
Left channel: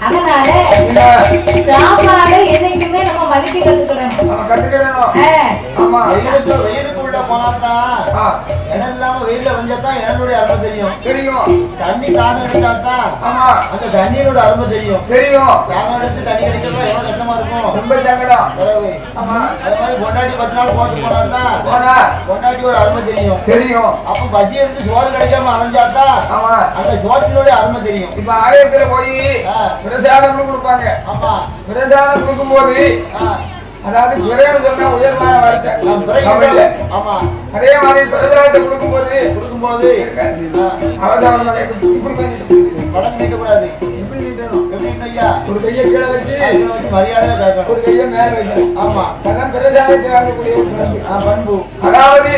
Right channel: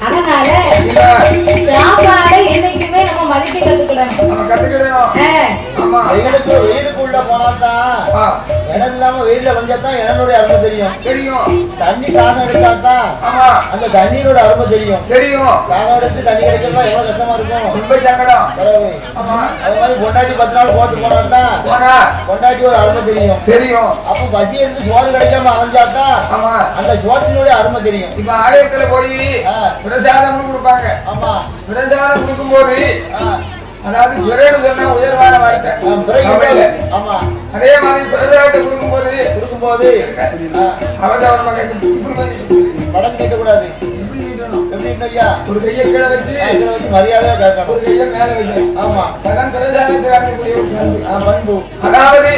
அதனால சாப்பாடு என்னைக்குமே நம்ம மதிக்க கத்துக்கிடணும். வெயிலுக்குள்ள போனாதான் இடம் இல்லாம வெயில வந்தாதான் இடனுடைய அருமை தெரியும். தெரியும். தண்ணி தாகம் எடுத்தாதான் ஆமா அந்த தண்ணியோட அருமை தெரியும். தெரியும். தாகம் எடுத்து தண்ணி கிடைக்கலாம் எவ்வளவு கஷ்டமா இருக்கும். ரொம்ப சங்கடம். ஆமா அது மாதிரி பொண்டாட்டி 10 நாள் போட்டு போனாதான் பொண்டாட்டியோட அருமை தெரியும். தெரியும். அப்ப பசி எடுத்து சோறு கிடைக்காம அலைஞ்சாதான் ஆமா அந்த சோற்றினுடைய அருமை தெரியும். இப்ப ஆலயத்துல போய் பிரசாதம் கொடுப்பாங்க. ஆமா பிரசாதம் கொடுக்கும் போது அதாவது விரைவு சொன்னா உயர்வான வாய்க்க. ஆமா அதே மாதிரி பிரசாதத்தை கொடுக்கும்போது அவசரமாக படம் கேட்கக்கூடாது. எப்படி நீட்டணும்? எப்படி ஐயா ஒரு கையை கீழே வச்சு மரியாதையா கேட்கணும். ஒரு கையை மேல வைக்கணும். ஆமா அதான் பிரசாதத்தை வாங்கக்கூடிய பண்பு. அதாவது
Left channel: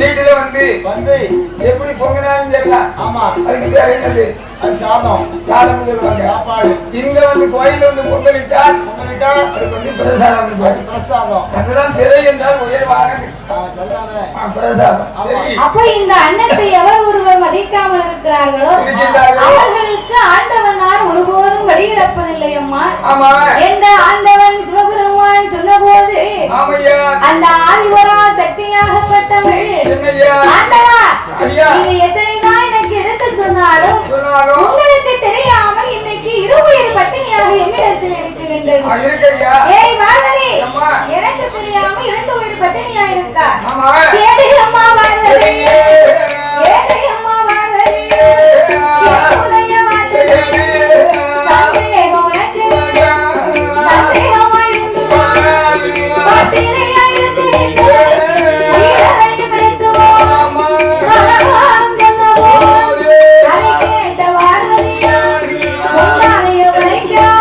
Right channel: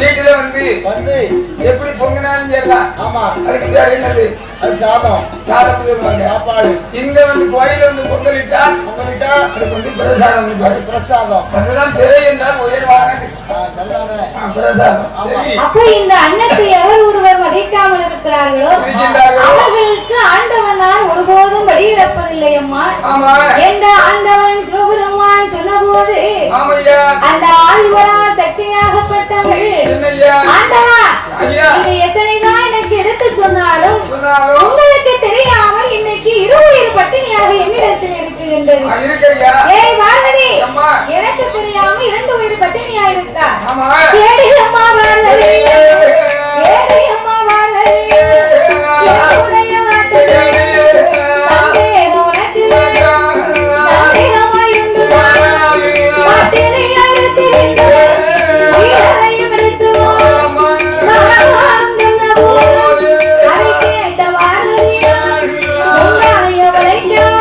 வீட்டுல வந்து எப்படி பொங்கினாலும் சரிதான். ஆமா அதுக்கு பேர் என்னது? அது சாதம். சாதம் சொல்லுவாங்க சாப்பாடு. இங்க கோயில் பொங்கலிட்டா அதுக்கு பிரசாதம். அது பிரசாதம். அதுதான் திரை என்றால் உயர்வானது பிரசாதம். அப்ப இந்த அன்னத்தை எவர் ஒருவர் மதிக்காமல் இருக்கிறார்களோ அவர்களுக்கு ஆண்டவனால் ஒருபோதும் வழியிடப்பதில்லை அம்மா. என்ற ஆண்டவன் சிவபெருமான் சொன்ன போது அந்த ஆதிவரா சக்தியாகப்பட்டவள் ஆண்டவா நீங்க எத்தனைதான் எனக்கு எடுத்து சொன்னாலும் உங்களுக்கு தெரியாமல் இன்னைக்கு இருவுயிர் பட்டினியாக என்னிடத்தில் இருக்கின்றது. ஏய் பார்வதி எனக்கு தெரியாம 2 உயிர் பட்டினியா இருக்கா? ஏடி அம்மா பார்வதி ஏடி அம்மா பார்வதி என்னுடைய வார்த்தைகளே சந்தேகம் உனக்கு சந்தேகமா இருந்துமா பட்டினியா இருக்கிறேன் உயிரை பிடித்துவோ நானும் சொன்னவோ அதை கேட்ட பார்வதியா உன்னாலைய வளைக்காம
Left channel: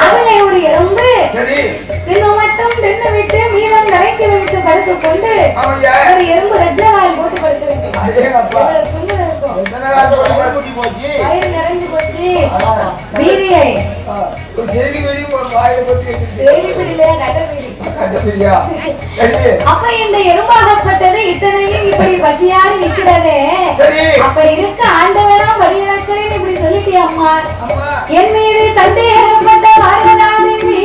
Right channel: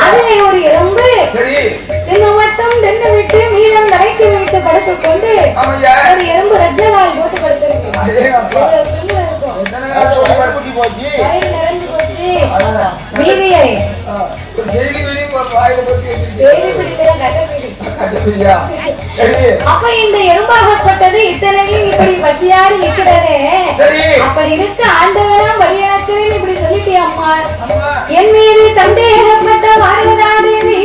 அதுல ஒரு எறும்பு தின்னு மட்டும் தின்னு விட்டு மீதம் தலைக்கு வைத்து படுத்துக் கொண்டு ஒரு எறும்பு ரெட்டவாய் போட்டு படுத்திருக்கு. நிறைஞ்சு போச்சு மீதியை அப்ப இந்த எறும்பாகப்பட்டது இத்தனையும் இப்படி பசியாறு நிற்கிறது. அப்படி இருக்க ஆண்டவனாம் வழியனக்கிறேன் இப்படி சொல்லிட்டியா அம்மா? என் மீது சந்தேகப்பட்ட பார்வதாதேவி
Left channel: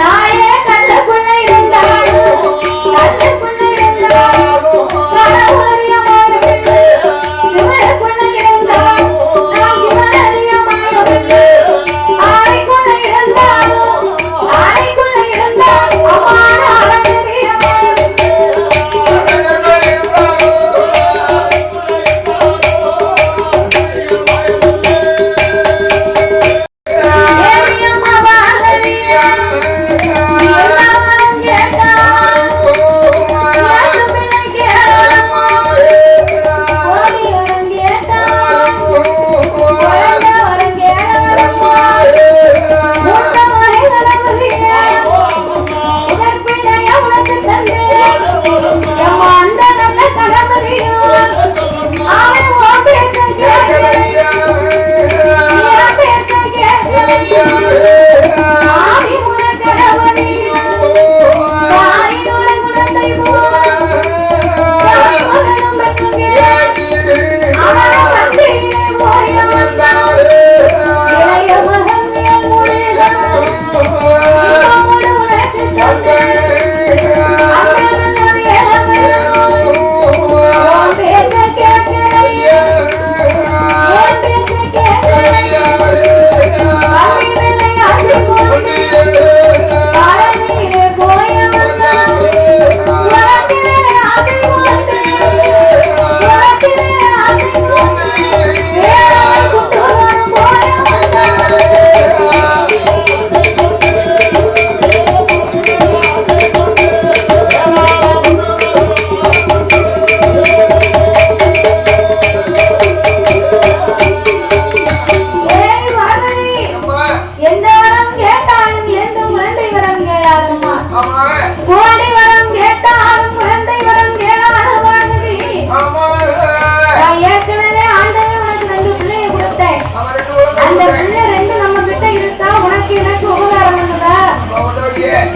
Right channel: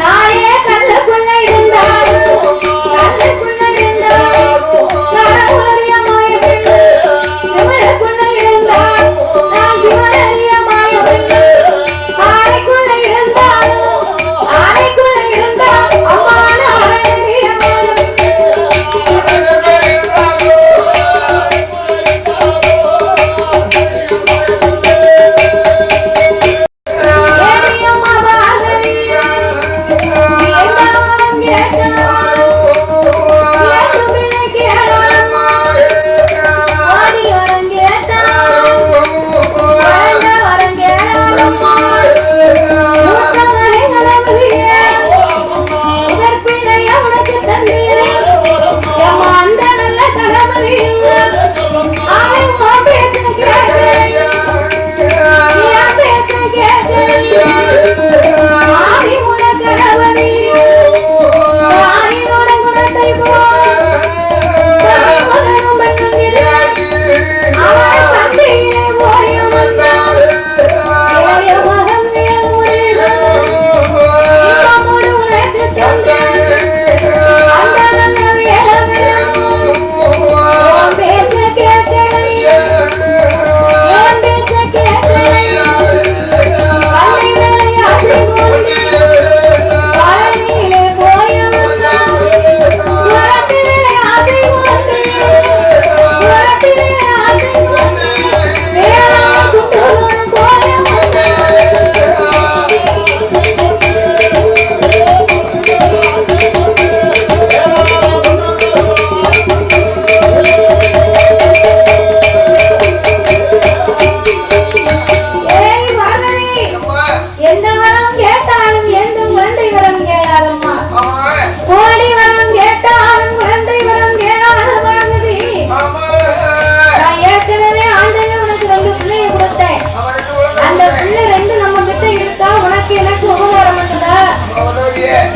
தாயே கல்லக்குள்ள இருந்தாலும் கல்லக்குள்ள இருந்தாலும் கடவுளறியமாயவில்லை சிவனுக்குள்ள இருந்தால் நான் சிவனறியமாயவில்லை ஆரைக்குள்ள இருந்தாலும் ஆரைக்குள்ள இருந்தால் அம்மான அறறியமாயவில்லை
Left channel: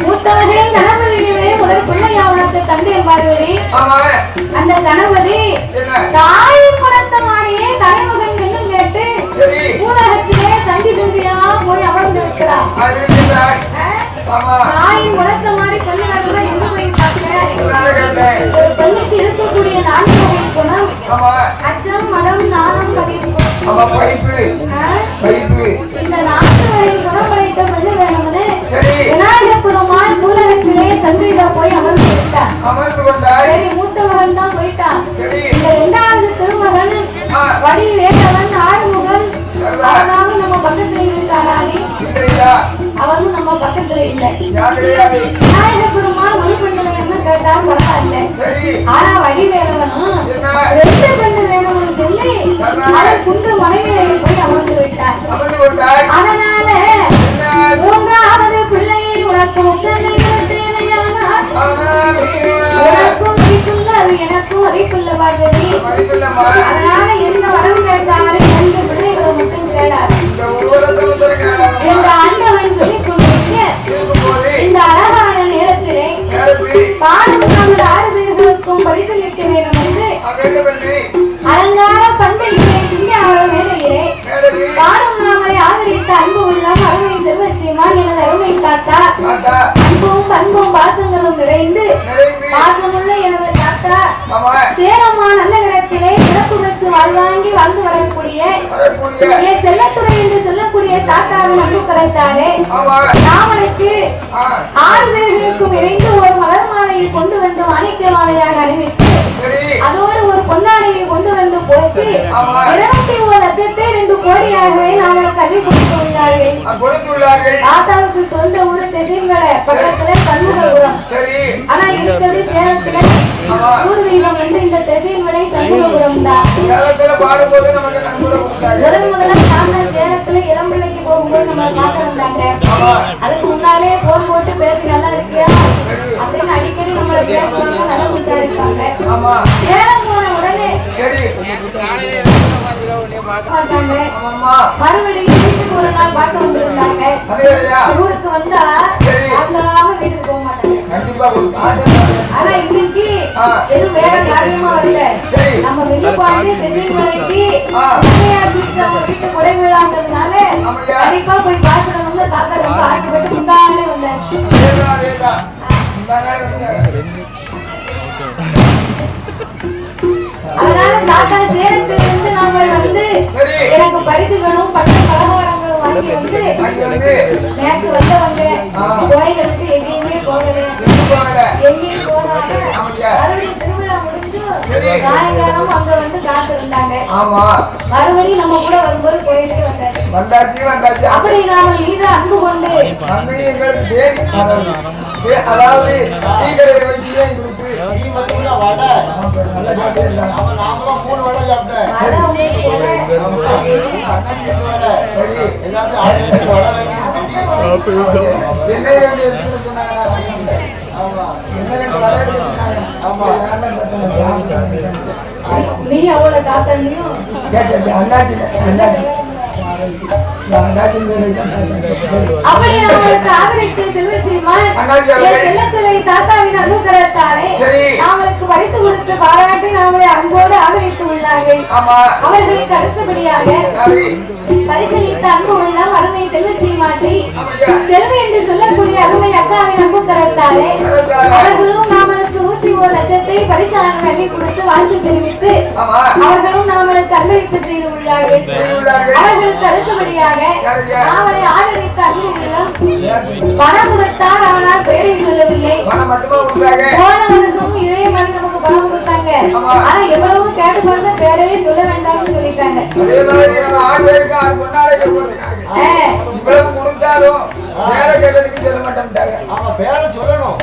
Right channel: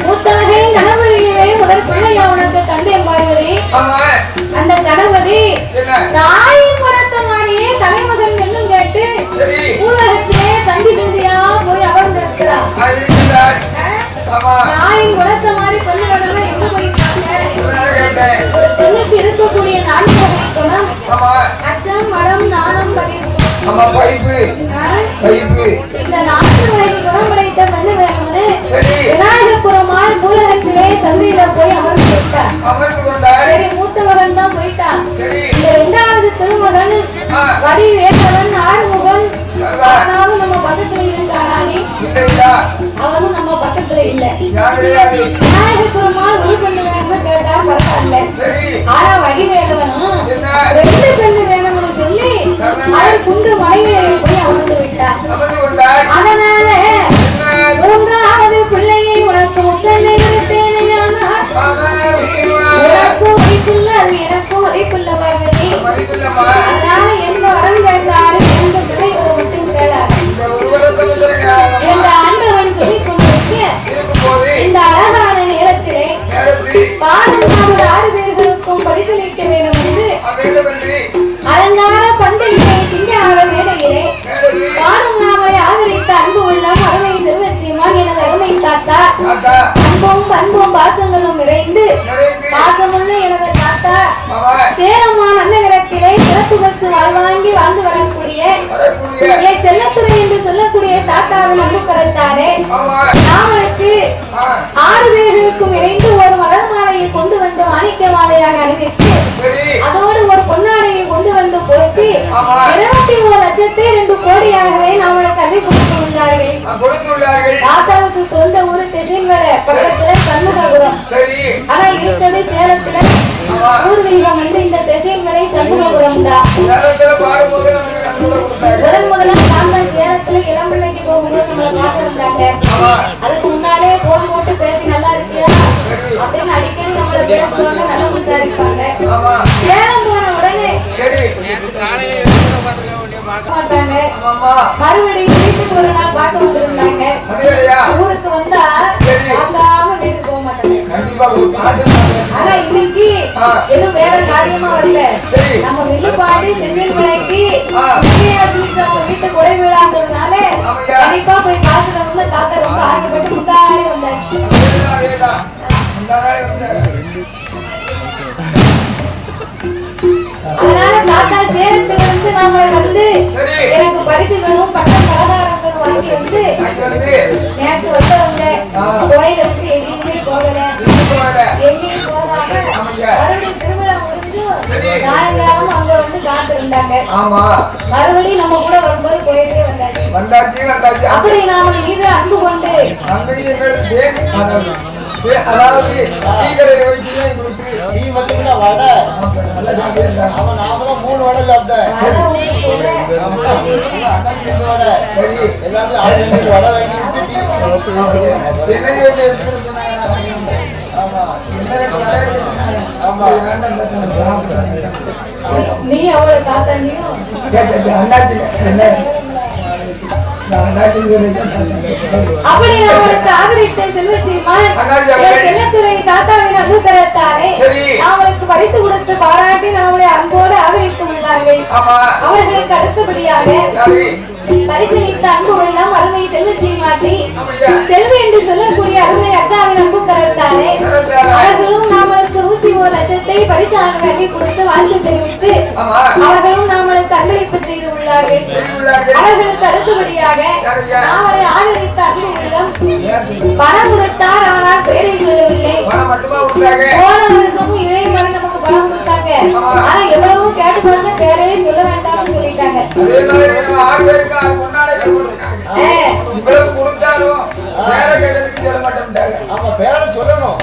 மூத்தவகை கணவரிலே முதல் பிள்ளையா உனக்கு தந்தை என்பார்களே அந்த கணவரி தாயின் குணத்தை மாதிரியே தலைமகன் என்னும் கேட்டு ஊரகத்திலே சந்தி சந்தியா போய் அமர்ந்து இருக்கிறார். தாயின் குணத்தை மாதிரி கொள்ள நடுவே எங்க போயிருக்காங்க? ஒரு பெண்ணுக்கு இருக்கக்கூடிய நான்கு வகை குணம் அச்சம், மடம், நாணம், பதிவு. இந்த நான்கு வகை குணம் படைத்த பெண்ணு வேணும்னு விநாயகபுரமாய் ஊரகத்திலே சந்தியில போய் அமர்ந்து விட்டார். சரி, மூத்த மகன் தான் போயிட்டான். இந்த இரண்டாவது திருமகன் வடிவேலவன் ஆறுமுகன் அவனாலும் நம்ம பக்கத்துல இருக்கானே, அவனும் நம்ம பக்கத்துல இல்ல. விநாயகபுரமாய் ஒரு பெண்ணு வேணும்னு கேட்டார், பரவாயில்ல. ஆனா வடிவேலவனும் ரெண்டு பெண்ணு வேணும்னு சொல்லி அவர் குன்று மலையிலே போய் அமர்ந்து விட்டார். அதனால மூன்றாவது பிள்ளையை உனக்கு உத்தனை எடுத்தேனையானார் உனக்கும் வரைக்குள்ள அது எனக்கும் வரைக்குள்ள வார்த்தை. அதனால எந்த வரம் கேட்டாரு, எந்த பிள்ளைகளை மட்டும் கேட்டாரு என்ற ஆண்டவன் சொல்லிக் கொண்டிருக்க இந்த அழகான நேரத்திலே பாடும் 6 பேர்களுக்கும் பரிசளிக்க வேண்டும் என்று அலங்கார பந்தலிலே சிங்கார வேலையிலே பாடும் நாமை ஆதரித்த அன்பு உள்ளம் அருமை செல்வச்சிமான் எனது அருமை தாத்தா, அன்பும் பண்பும் பாசங்களும் நிறைந்து பாசமுள்ள எனது தாத்தா சேரம்மா நன்னகரத்திலே சிறப்பு வச்சு வாழ்வாங்கி வாழ்ந்து வரக்கூடிய செல்லத்துறை என்று சொல்லக்கூடிய தாத்தாவின் அன்பு கரத்தாலே நாமளுக்கு 6 பேர்களுக்கும் இணைந்து ஒரு மலர் மாலையை கொண்டு வந்து மாணிக்க மாலையாக அறிவித்து அதோடு ஒரு பொன்னாடியை கொண்டு வந்து போசி 21 லட்சத்தை 2 கோடியாகவே நாமளுக்கு அறிவி கொடுத்துள்ளார்கள். தாத்தாவுக்கு சொந்த ஊரு திசைமலை பக்கத்துல சண்முகபுரம். ஆனா இருக்கிறது சேலத்துல பூர்வீகம் வந்து இந்த திசைமலை சண்முகபுரம் தான். முதல்ல தாத்தா சேலத்துல இளம்பிள்ளைக்கு போகும்போது நம்மளை பார்த்திருந்தாங்க. அதுக்கு முன்னாலே போன் போட்டு பேசி நல்லா இருக்கியா அப்படின்னு அடிக்கடி நம்மளை பேசுவாங்க, நல்லா விசாரிப்பாங்க. சேலம் போன உடனே மறுபடியும் வீட்டுக்கு ஒரு நாள் பார்க்க வந்திருந்தாங்க. ஊருக்கு வந்தா வாங்காம வீட்டுக்கு போக மாட்டாங்க. ஆனா இன்னைக்கு எதுவும் வேற காரியமா வரல. நம்ம வில்லுப்பாண்டி திசைமலைக்கு வீட்டு குடை விழாங்கிறதுனால கண்டிப்பா போய் பார்க்கணும்னு தாத்தா ரொம்ப ஆசைப்பட்டு முந்தாலே வந்தாச்சு. அதனால தாத்தா சேலத்துல இருந்து நாம வந்து எனக்கு பரிசுகளும் பட்ட பலகாரங்களும் வாங்கி வந்து நேற்று வந்தவங்க கோயில வந்து எங்கேயுமே போகல, எங்கேயும் போகாம மறுபடியும் திருவிழா முடிஞ்சு சாயங்காலம் அங்க வந்து காத்து இருந்தாங்க. மறுபடியும் நம்ம கூட வரும்போது கோயிலுக்கு வந்தாச்சு. அப்படி நாம மீது அன்பு கொண்டு அதாவது நாம 3 வடை சாப்பிட்டேன். நீ அவ்வளவு தாத்தனியும் அப்படி நம்மளுக்கு ஆதரித்த செல்வச்சிமான் செல்லத்துறை தாத்தாவின் அனுகரத்தாலே அவளுக்கு பரிசு கொடுத்து பாராட்டி நாமளை அன்போடு ஆதரித்து உள்ளார்கள். அவர்களுக்கு அடுத்தபடியாக பரிசளித்த அன்பு உள்ளம் அருமை செல்வச்சிமாட்டி செல்வி என்று சொல்லக்கூடிய அருமை அக்காவின் அன்பு கரத்தாலே அவர்களும் நாமளுக்கு 101 லட்சத்தை பரிசாக அள்ளி கொடுத்து வாழ்த்து தெரிவித்து அவர்களும் நாமளுக்கு அன்பளிப்பு செய்து உள்ளார்கள். அவர்களுக்கு அடுத்தபடியாக நாமளை ஆதரித்த அன்பு உள்ளம் பணம் கொடுத்தார், ஆனால் பேரை சொல்லவில்லை. போன வருஷமும் இதே மாதிரி நமக்கு பணம் கொடுத்தாங்க. ஆனா எவ்வளவு கேட்டு பார்த்து பேரையே சொல்ல வேண்டாம்னு சொல்லிட்டாங்க.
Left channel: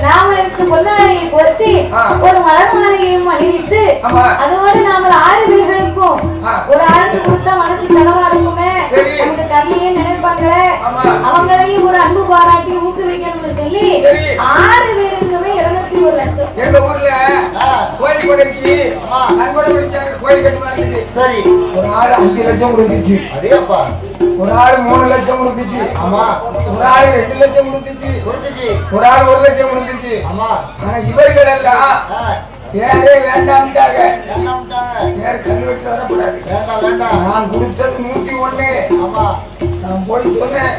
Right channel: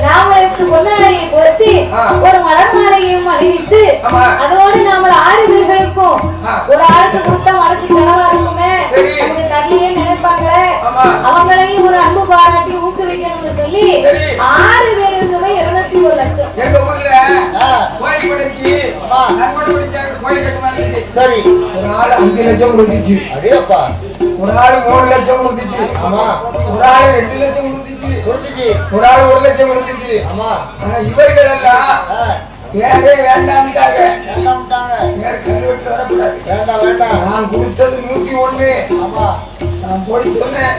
நாமளுக்கு பொன்னாடையை போச்சு ஒரு மலர் மாலையையும் அணிவித்து அதோடு நாம 6 பேர்களுக்கும் ஒரு ஆளுக்கு கொடுத்தா மனசு கனவா இருக்குமே, நமக்கு தண்ணியே நினைப்பாங்களே, அவங்களையும் ஒரு அன்பு பாராட்டி ஊக்குவிக்கணும்னு சொல்லி 6 பேருக்குமே 201 லட்சம். எங்க ஊர்ல கோயில் கொடைக்கு நன்கொடை கோயில் கட்டுவாங்க. சரி, ஒரு நாள் 5 லட்சம் கொடுத்துச்சு. அடேப்பா, ஒரு ஆள் 3 லட்சம் கொடுத்துச்சு. ஆமா. ஒரு ஆள் 2 லட்சம் கொடுத்துச்சு. ஒரு ஆள் 1 லட்சம் கொடுத்துச்சு. ஆமா. ஆனா இவர்கள் எல்லாம் பேரே வேண்டாம்ட்டாங்க. பேர் கல்வெட்டு வரக்கூடாது. வேண்டாம். நான் கொடுத்தது 101. ஆமா. நான் போய் சொன்னேன்,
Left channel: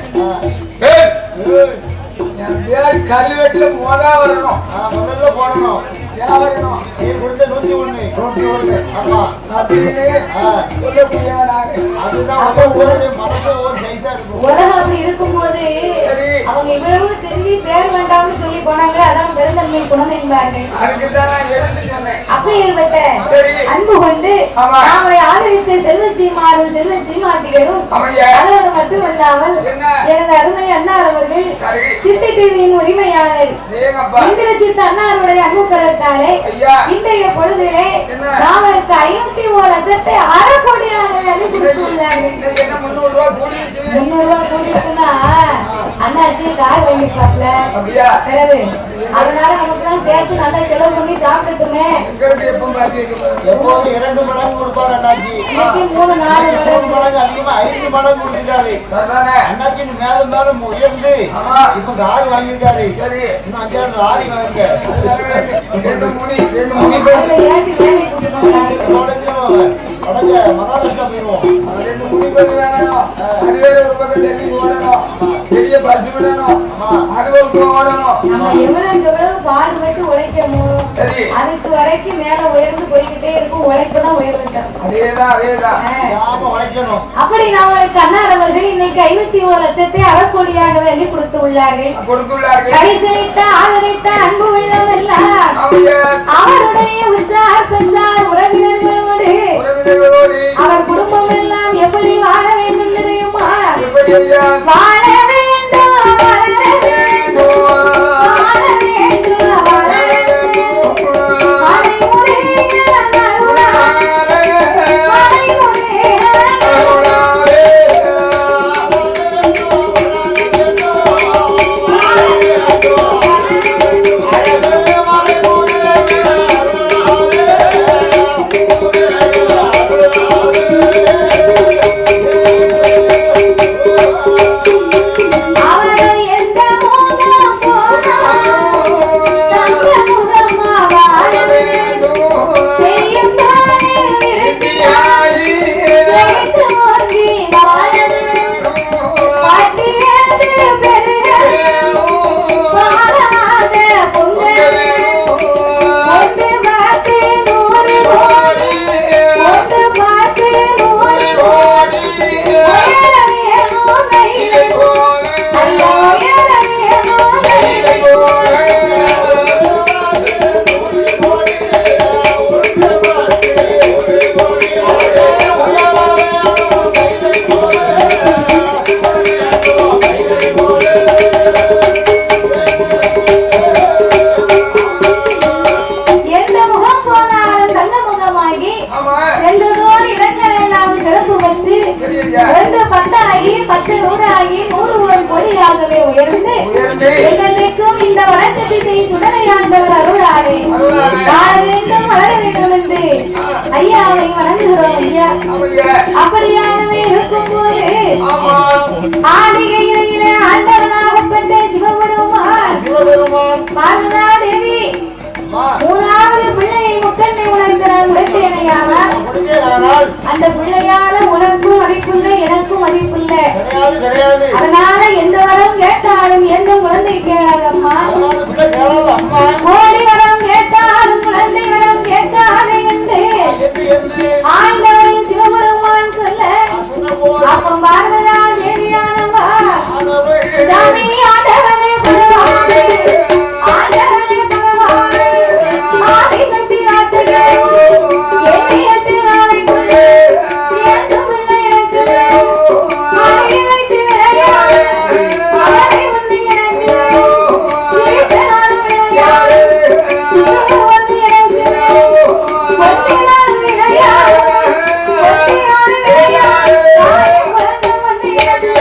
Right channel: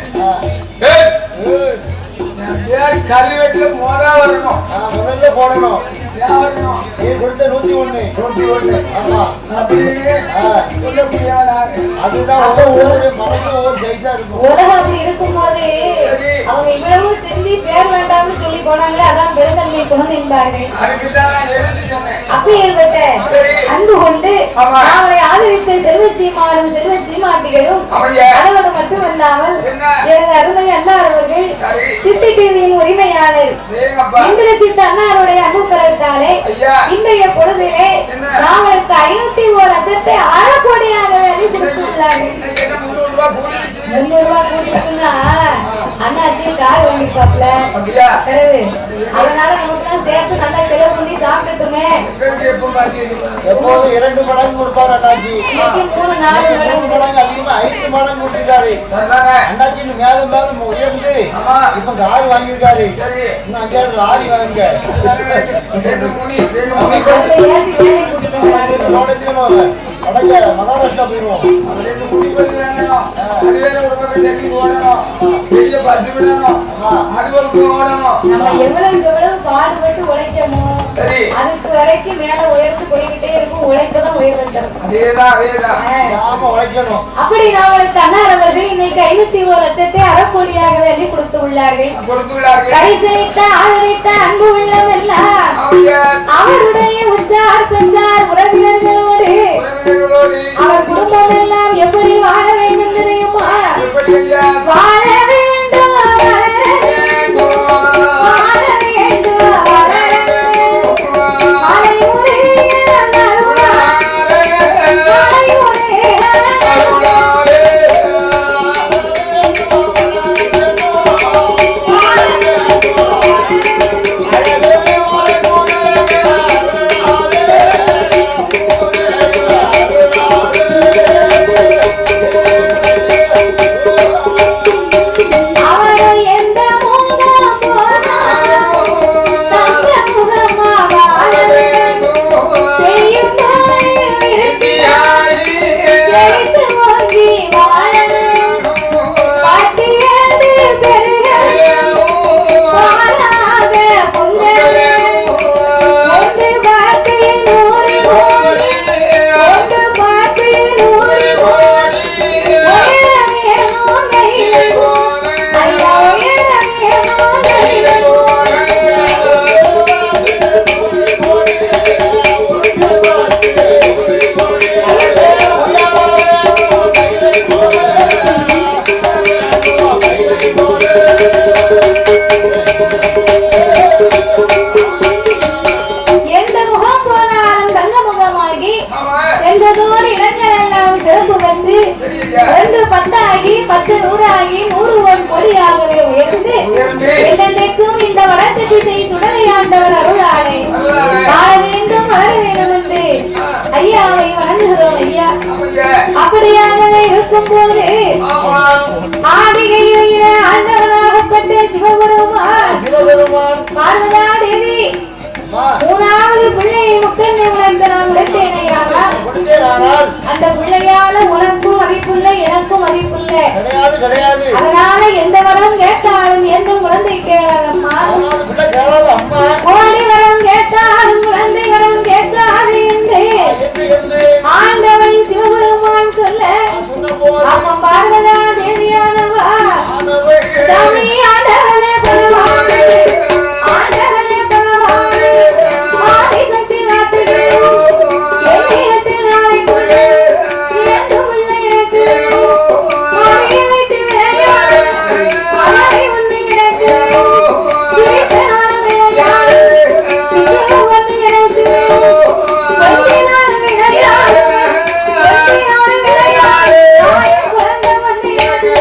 கல்வெட்டுல வரணும். முதல்ல போடணும். வரணும். நீ கொடுத்த 101. ஆமா. அப்படின்னு சொல்லக்கூடியவன் அதுதான் ஒவ்வொரு மனசும் ஒவ்வொரு சைஸா இருக்கும். உலகம் அப்படி இருக்கும்போது அவங்க இவ்வளவு செஞ்சு பேர் வேண்டாம்னு சொல்லி போனாங்களே, அதான் பெருந்தன்மை குணம் என்பார்கள். அப்பேற்பட்ட அன்பு கொண்டு அவளை ஆதரித்த செல்வச்சீமாரும் செல்வச்சீமாட்டிகளும் அதோடு மட்டுமல்லாமல் எனது அருமை அன்னார் அவர்கள் சித்தி டிவியின் உரிமையாளர் இந்திரஜித் அன்னாருடைய அன்புக்கரத்தாலே இன்றைய பொழுதிலே நாவலுக்கு 501 லட்சத்தை அறக்கோடியாக கொடுத்துள்ளார்கள். 300 ரூபாய் கொடுத்துனா அண்ணாச்சி கார் வாங்கிப்பாப்ல பிறகு அதனால நமக்குலாம் சேர்த்து நல்லா செலவு பண்ணி சாப்பிட்டுட்டுமே. எப்போதும் 2 மடங்கு கொடுப்பாரு அண்ணாச்சி. இன்னைக்கு 3-4 மடங்கு அதிகமா 5 மடங்கு கொடுத்திருக்காரு. அண்ணாச்சி மேலும் மேலும் உயர்ந்து இப்ப கார் வாங்கியிருக்காரு. இன்னும் 5 லாரி வாங்கிருக்க. மகாராஷ்டிரா போயிருவோம். பாடுபட்டு உழைக்கமோ அதுக்கு வரைக்கும் மேல உயர்ந்து போய்கிட்டே இருக்கும். உழைப்புதான் உயர்வு தரும். அப்படி நாங்களுக்கு அன்னாரவர்கள் இன்னைக்கு 51 லட்சத்தை அறக்கோடியாக வெள்ளி கொடுத்து உள்ளார்கள். கடைசலித்த ஆதரித்த அன்பு உள்ளம் எல்லாம் அவருடைய உற்றார் பெற்றார் உறவினர்களோடு அவர் குடும்பம் எல்லாம் எப்படி வாழ வேண்டும் தெரியுமா? வாழ வேண்டும், வளர வேண்டும், வாழ வேண்டும், வளர வேண்டும். மலைமுறைகள் அருளாய், மலைமுறைகள் அருளாய். சென்றதோர் இடங்கள் எல்லாம் சிறப்பு வச்சு 1 10 ஆகி 10 100 ஆகி 101 கோடியாகவே உயர்ந்து என்னென்றைக்கும் இந்த வடக்கு திசை சுடலையாண்டவர் அருளாளே வாழ வேண்டும், வளர வேண்டும் என்று ஐயாவை வணங்குகிறோம். ஐயா அப்படியாகவே இருக்கும் போது ஆதிகையில ஆண்டவனாகப்பட்ட சிவபெருமான் பார்வதா தேவி 3வது பிள்ளையை முக்கண்ணை உணர்ந்தான் உடைத்தேனையான அந்த பிள்ளையால உனக்கும் மதிப்புள்ள எனக்கும் மதிப்புள்ள அதனால எந்த வரம் கேட்டாலும் எந்த குழந்தை கேளாதம்மா, கோடி வரம் கேட்டாலும் குழந்தை வரம் கேட்காது என்று ஆண்டவன் சிவபெருமான் சொல்ல அப்பம் பார்வதா தேவியானவா சாமி ஆண்டவனே பகவானே ஆண்டவனே பகவானே ஆதிசக்தி வார்த்தைகள் என்னிடத்தில் வாழைக்குள்ளே எந்த பிள்ளை எனக்கு மலை வைத்து விளையாடு மலை வந்து எனக்கு சிரித்தனான விளையாடு சிசுறு வந்து எனக்கு கொஞ்சினான விளையாடு கொஞ்சினான விளையாடு தாயை குழந்தை வந்து எனக்கு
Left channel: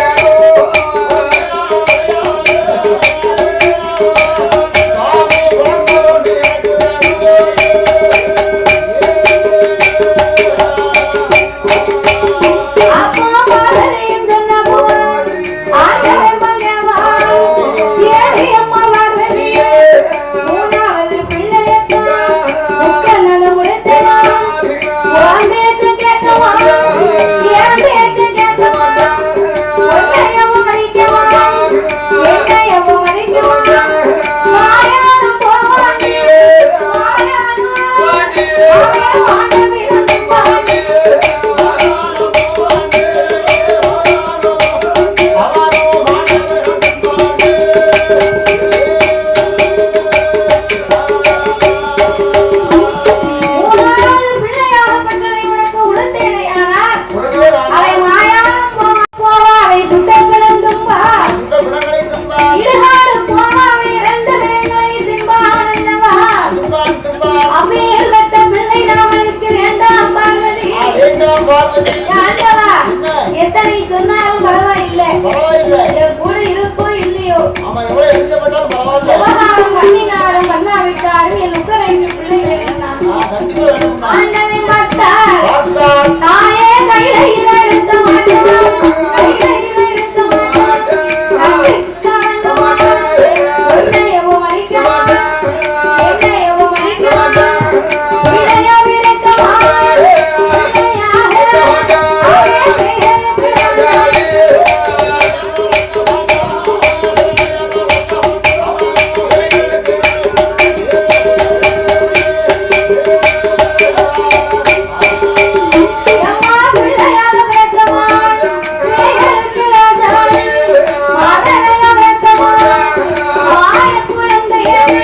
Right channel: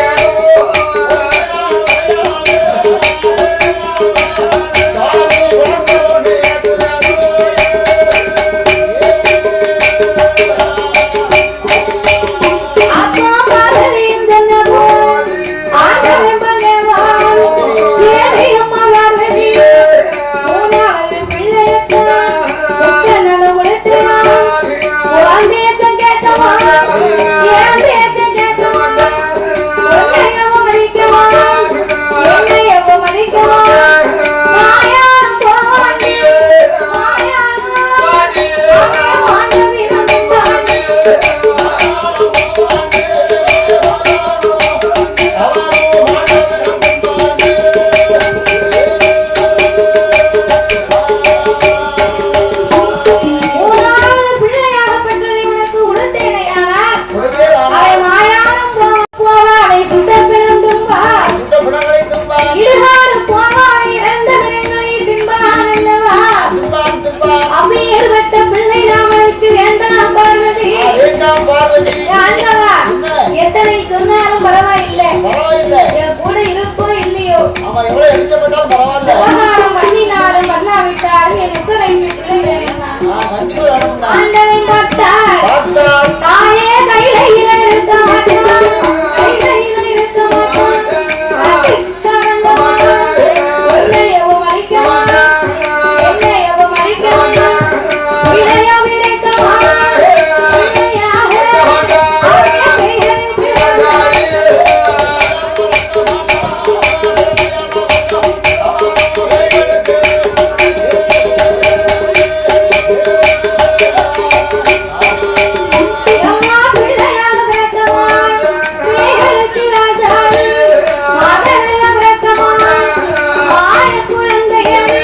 பரவாயில்லை. என் கூட இருக்கோ இல்லையோ, ஆமா, எவ்வளவு எழுதப்பட்டாலும் பரவாயில்ல. விவகாரம் பண்ணினாலும் பண்ணாவிட்டாலும் எனக்கு 2 பிள்ளை வேணும்னா கண்டிப்பா வேணும்னா ஆண்டவன் பார்த்தார். பார்த்தால் தாயே கையில இருக்க மாட்டான், கையில இருக்க மாட்டான், கட்டிக்காரங்க மாட்டான், என்னையவோ மறிக்க மாட்டான், என்னையவோ மறிக்க மாட்டான், இளையோ இருக்க மாட்டான், பிள்ளையாக தாயே பேருக்கு வந்தார். எம்மா பிள்ளையாக பிறக்கமான், பிள்ளைகளுக்கு ராஜாளி, மகனையா பிறக்கமான், வாய குழந்தையன்,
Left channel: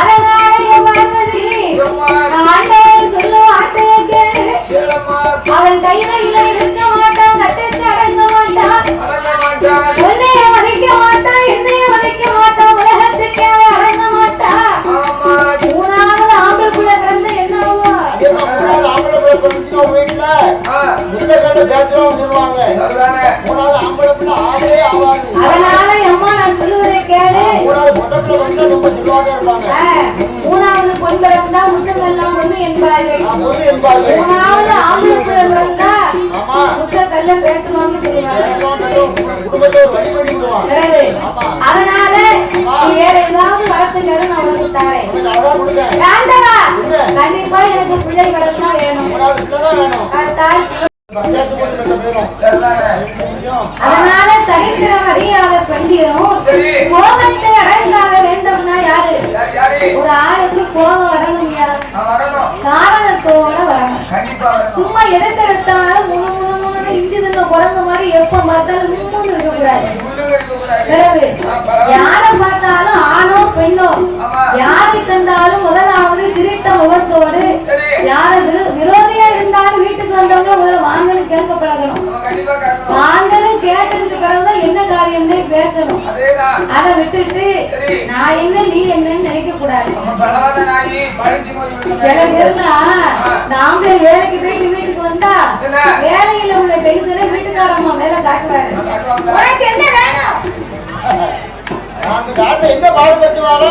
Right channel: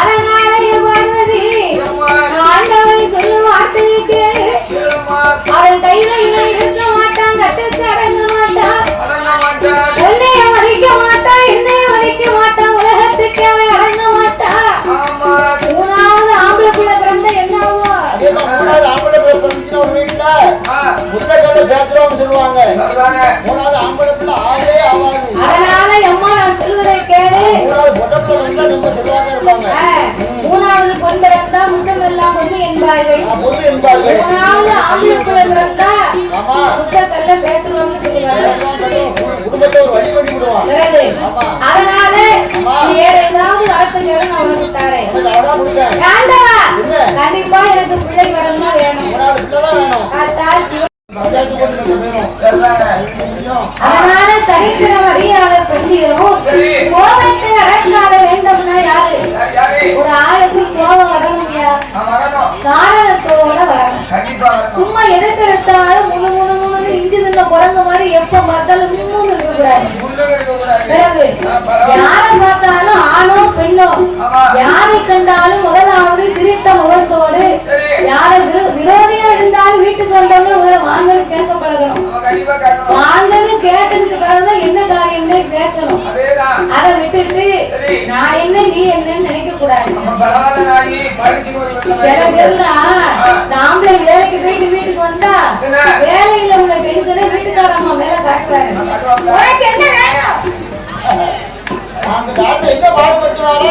அரங்காளைய பார்வதி, ஆண்டவன் சொல்லும் வார்த்தையை கேளு. அவன் கையில இருக்க மாட்டான், கட்டுக்கு அடங்க மாட்டான், உன்னைய மதிக்க மாட்டான், என்னைய மதிக்க மாட்டான், உலகத்துக்கு அவன் அடங்க மாட்டான். 3வது ஆம்பளை பிள்ளை பிறந்த என்னாவோ? மூணாவது ஆம்பளை பிள்ளை பிறந்துச்சுன்னா ஒரு வீட்டுல முத்தக்கல்ல பேசுறவங்க சொல்லுவாங்க. மூணாவது ஆம்பளை பிள்ளை ஆவே ஆவாது. அதனால அம்மா நான் சொல்லுவதை கேளு. மூணாவது பொட்டை பிள்ளை வந்தா ரொம்ப செல்வாக்கா இருப்பாங்க. 3வது பொன் பிறந்தா முத்தம் எல்லாம் ஒண்ணு என்பார்கள். பொண்ணு என்பார்கள். 3வது ஆம்பளை பிள்ளை பிறந்தா ஆமா, முத்தக்கல்ல பேசுறவங்க சொல்லுவாங்க. குடும்பத்தை ஒரு வழி பண்ணி விடுவான். பிறகு அதனால வேற ஏதாவது வரத்து கேளு, நான் உனக்கு தரேன். அதான் கொடுங்க. ஆண்டவா, என்ன? கண்டிப்பா எனக்கு பிள்ளை வரணும்னா வேணும். மூணாவது பிள்ளை தான் வேணும். கர்த்தால் சிவ பஞ்சாயத்து போட்டு கட்ட பேரும். அதனால தரித்திரம் அறியாத பெண்டிரும் கோபத்தை அடக்காத வேண்டும்னா யாரு? ஒரு ஆளுக்கு கோபம் வரணும்யா, காரணத்தோட வரணும். சும்மா எதுக்கெடுத்தாலும் முழு முழு முழுன்னு இஞ்சி நின்ற குரங்கு மாதிரி எப்ப பார்த்தாலும் இன்னும் இருக்கக்கூடாது. பிறகு யாரை பார்த்தாலும் ஆணோ பெண்ணோ யாரை கண்டாலும் முதலாவது சிரித்த முகத்தோடு, யாரை விரோதியா இருந்தாலும் வீட்டுக்கு வந்தவங்க முதல்ல வாங்கன்னு கேட்க பழகணும். வாங்கன்னு கேட்டதுக்கு பிறகுதான் என்ன காரியம்னே பேசணும். அதை விட்டுட்டு நான் என்ன நீ என்னன்னு நினைக்க கூடாது. சில பேர்லாம் ஆம்பளை வேலைக்கு போயிட்டு வீட்டுக்கு வந்தா வேலையில உள்ள பென்ஷனை வீட்டுக்காரம்மா மேல காட்டுவாரு. உனக்கு என்ன வேணும்? அந்த டாக்டர் என்ன பாடுபடுத்துவாரு?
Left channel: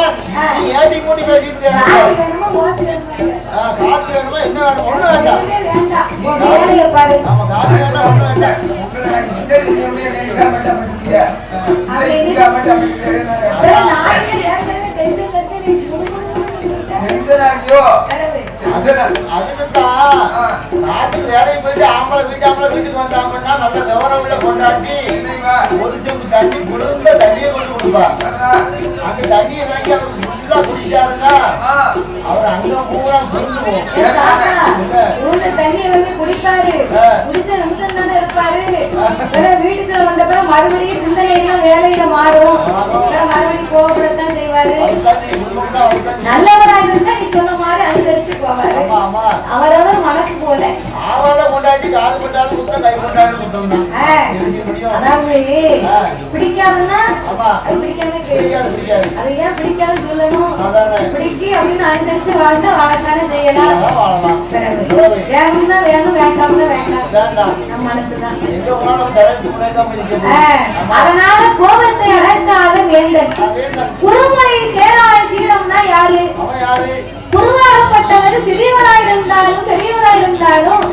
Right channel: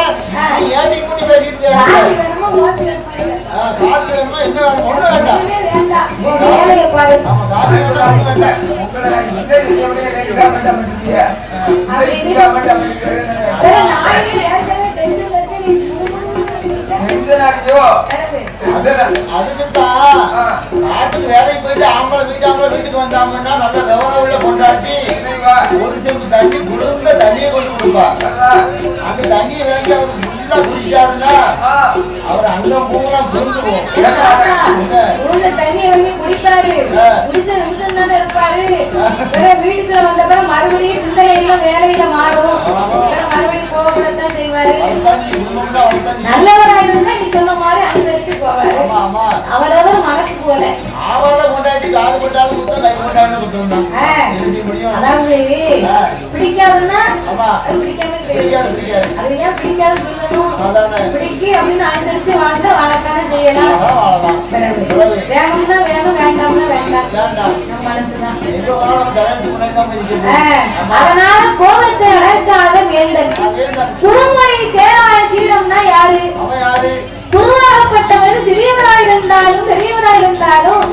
ஏட்டி மூட்டி பேசிட்டு காப்பி வேணுமா, ஓட்டு வேணுமா இல்ல? காப்பி வேணுமா, என்ன வேணும்? ஒண்ணு வேண்டாம். ஒண்ணுமே வேண்டாம். உன் வேலையை பாரு. ஆமா, காப்பி வேண்டாம், ஒண்ணு வேண்டாம். அப்படி இருக்கு. வேற நான் இல்ல, ஏற்கனவே டென்ஷன்ல இருக்கு, நீ குடுகுடுன்னு இருக்க. அதுக்குத்தான் நாட்டுக்கு வேலைக்கு போயிட்டு ஆம்பளை வீட்டுக்கு வந்தாங்கன்னா நல்ல விவரம் உள்ள கொண்டாட்டி ஒரு செம்பு தண்ணி குளிர்ந்த தண்ணியை கொண்டு கொடுப்பா. அந்த தண்ணியை வாங்கி அவர் ஃபுல்லா குடிச்சாருன்னா அவர் அங்க பூரா கொண்டு போகும். உளுந்த தண்ணியை வந்து குடிப்பாரு, குடிச்ச நிமிஷம் தானே இருப்பாரு. வீட்டுக்குள்ள வந்த பிறகு மறுபடியும் சிந்தனை எல்லாம் வேலையில மாறும். மறுபடியும் போகத்தான் செய்வாரு. நல்லவரா இருந்தா நீ சொன்ன மாதிரி அனுசரிச்சு போவாரு. அவரவர் மனசு போல. கொண்டாட்டி காது கொண்டாலும் குத்தம், கை கொண்டாடும் குத்தம் தான். அதாவது பிடிக்காதுன்னா அது பிடிக்காம பிடிக்காது. அது ஏன் பிடிக்காதுன்னு சொல்லணும். பிடிக்கி அப்படின்னு அனுசரிச்சு வாழ்ந்தா வாழத்தானே செய்யலாம். வேணும்னா வேணும், வேண்டாம்னா வேண்டாம். நம்ம மனசுதான். அதனால கோபத்தை அடக்காத வேண்டல். குருமொழி கேளாய சீடம்னா யாரு? குருவாகப்பட்டவர் சிறியவராய் இருந்தாலும் பெரியவராய் இருந்தாலும்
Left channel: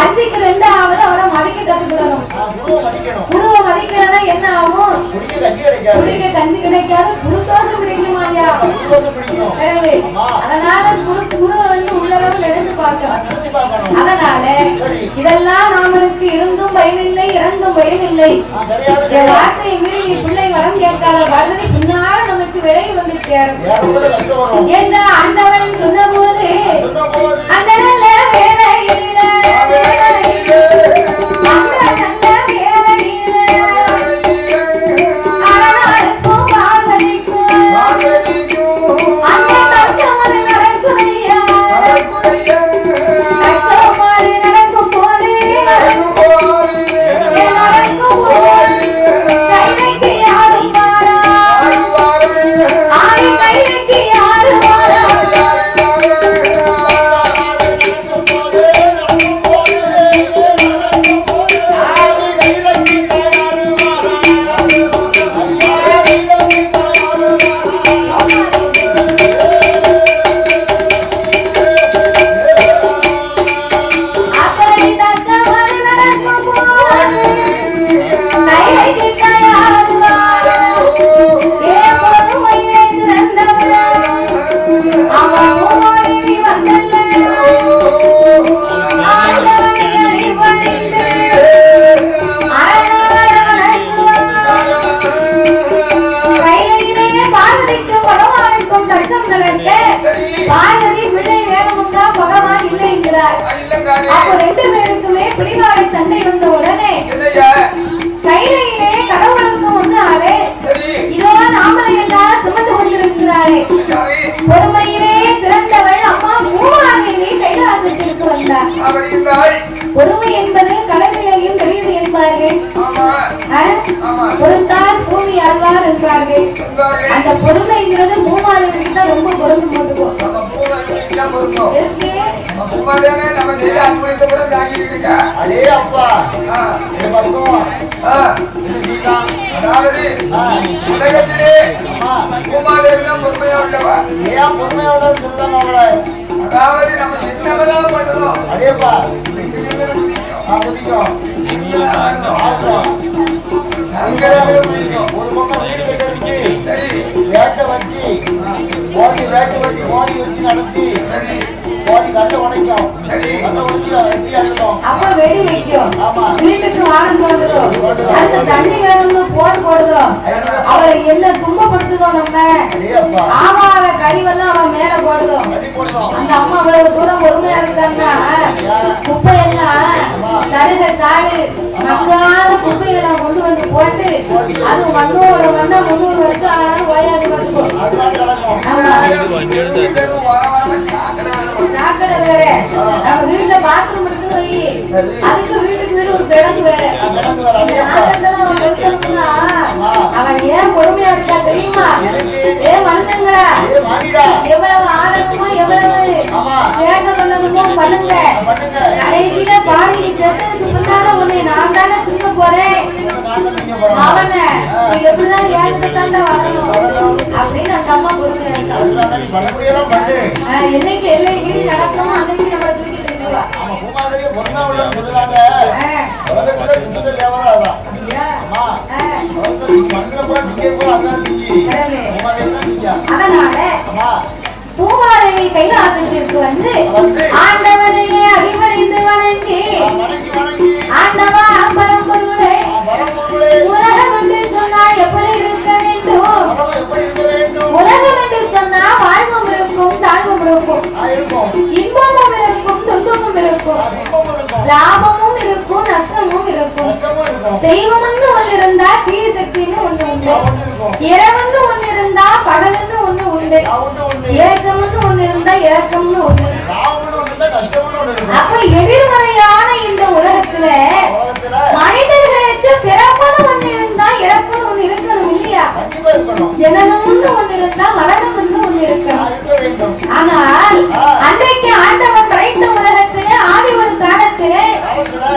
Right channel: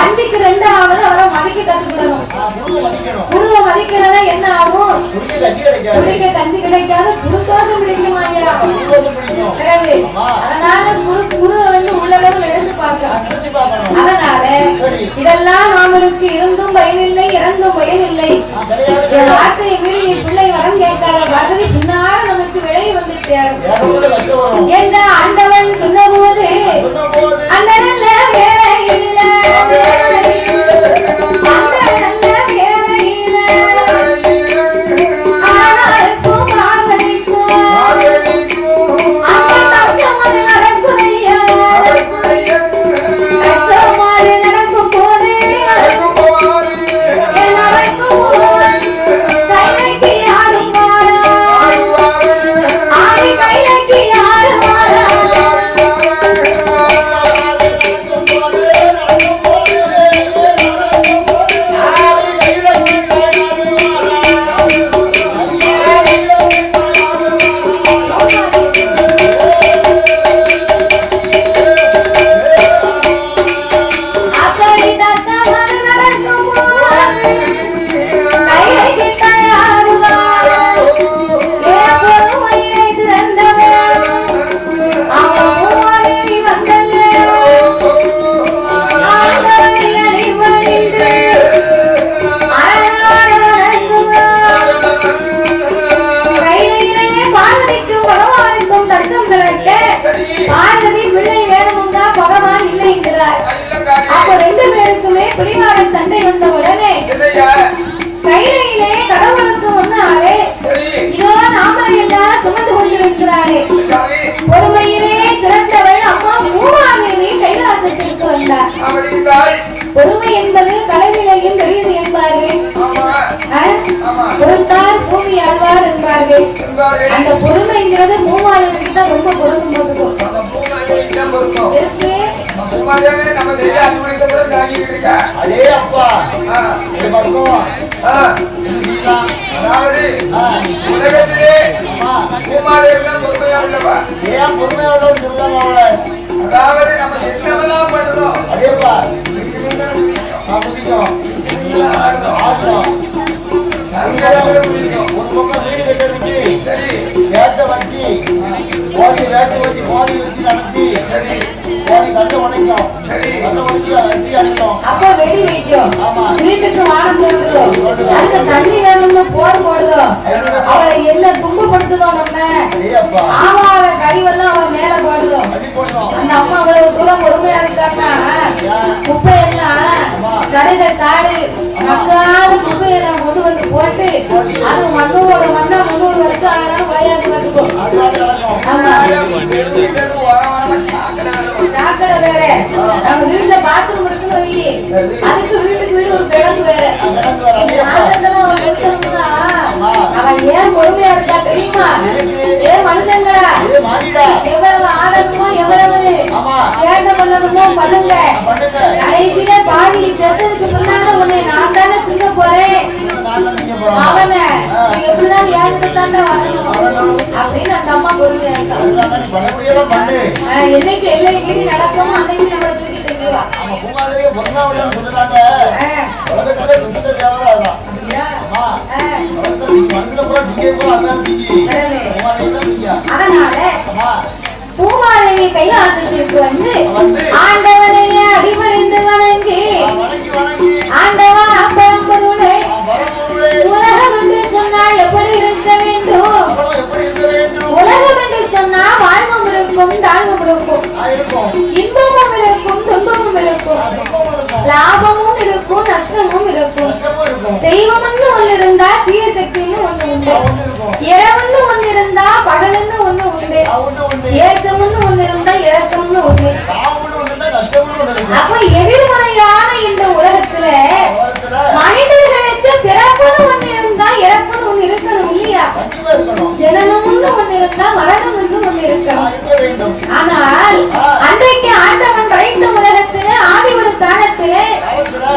5க்கு 2வது அவரை மதிக்க கத்துக்கிடணும். குருவை மதிக்கலன்னா என்ன ஆகும்? குடிக்க கஞ்சி கிடைக்காது, குருதோஷம் பிடிக்குமாயா. பிறகு அதனால குரு வந்து உள்ளளவு நினைச்சு பார்க்கணும். அதனால இதெல்லாம் நாமளுக்கு இருந்தும் பயனில்லை, இறந்தும் பயனில்லை. வார்த்தையை மீறி நீ பிள்ளை வரம் கேட்காத பார்வதி பின்னால நமக்கு விளைவு வந்து சேரும் என்ற ஆண்டவன் சொன்னபோது அந்த நல்ல வேலையில வருகிறார். அப்ப 2 பேருக்குமே பிடிவாத சண்டை வந்த உடனே கையிலே கடவுளுக்கு முன்னாலே இதோ நாமளை எல்லாம் சுமந்து கொண்டிருக்கிறாரே பொறுமையிலே சிறந்தவள் அம்மா பூமாதேவி கைலாசத்திற்கு வந்தார். பொறுமை என்பது கடலிலேயும் பெரியது என்பார்கள். பொறுத்தார் பூமி ஆழ்வார் என்பார்கள். அந்த பொறுமைங்கிறது பூமாதேவிக்கு தான் ரொம்ப பொருந்தும் போதுக்கும் இருக்கு. அதே அப்பா உலகத்திலே பொறுமையா உள்ளவா ஏன் பொறுமையா உள்ளவன்னு சொல்லுதாங்க அவளை. அதாவது நம்ம என்னவெல்லாம் பண்ணுறோம் அதேப்பா ஒரு பக்கம் வீடு கட்டுறதுக்கு வேட்டை வச்சு கோடி வேட்டை வச்சு கோடி வச்சு நடத்தி கோடி கல்ல உடைக்கும் கல்ல உடைச்சு வெட்டி அழுத்தோம். அப்ப வெடி வைக்கும். ஆமா. வீட்டுக்கு வாரம் தோண்டுதோம். அதுக்கு தண்ணி வேணும்னு போர் போடுதோம். அவளை என்ன துன்பப்படுத்துதோம் நம்ம. அதேப்பா ஆமாத கழிவெல்லாம் அவன் மேல போடுதோம். அந்த அம்மா அவ்வளவு தூரம் பொறுமையா இருக்காங்கன்னா குப்பையெல்லாம் சரிகள் தாடு நக்காத குப்பையெல்லாம் கொண்டு வந்து போட்டு அது மண்ணோட மண்ணா 300 வருஷம் ஆனாலும் வயாது பார்த்துக்கும். சாக்கடை வேற நம்ம வீட்டுல பாத்ரூம் இருக்குன்னு வை அதுக்கு வீட்டுக்கு வீடு ஒரு கிடங்கு வேற. அவன் ஏன் பொறுமையா இருக்கா தெரியுமா? ஏன் மனுஷங்களா எவ்வளவு ஆடணுமோ எவ்வளவு சேட்டை பண்ணணுமோ பண்ணுங்க. கடைசியில பாடி செத்ததுக்கு பின்னால உன்னை நான் தானே திங்க போறேன் அவனை எப்படிதான் ஏங்கிட்ட தாண்டா வரணும் அப்படின்னு அந்த அம்மா பொறுமையா இருக்கா. என்னைக்கு எல்லை மீறி நடக்குமோ அன்னைக்கு நம்ம தூக்கி தெரியுவா. அதனால பூமாதேவி கைலாசத்திற்கு வந்து ஆண்டவனையே அடிபணிந்து வணங்கி ஆண்டவா பரம்பொருளே உலகம் என்று சொன்னா எப்படி இருக்க வேண்டும்? உலகம் என்று சொன்னா வாழ்வும் இருக்கும் தாழ்வும் இருக்கும் இன்பமும் இருக்கும் துன்பமும் இருக்கும் லாபமும் இருக்கும் நஷ்டமும் இருக்கும். தெய்வம்னு ஒண்ணு இருந்தா தீய சக்தின்னு ஒண்ணு உண்டு. இரவுன்னு ஒண்ணு இருந்தா பகலுன்னு ஒண்ணு உண்டு. ஏற்றம்னு ஒண்ணு இருந்தா இறக்கம்னு ஒண்ணு. அப்ப எதிர்மறையான இந்த உலகத்துல மனிதர்களுக்கு பிறப்புன்னு ஒண்ணு இருந்தா இறப்புன்னு ஒண்ணு இருக்கணும் இல்லையா? ஜனனம்னு ஒண்ணு இருந்தா மரணம்னு ஒண்ணு இருக்கணும். ஆனால் அன்றைக்கு ஆண்டவன் படைத்த உலகத்திலே ஆதி ஒரு காலத்திலே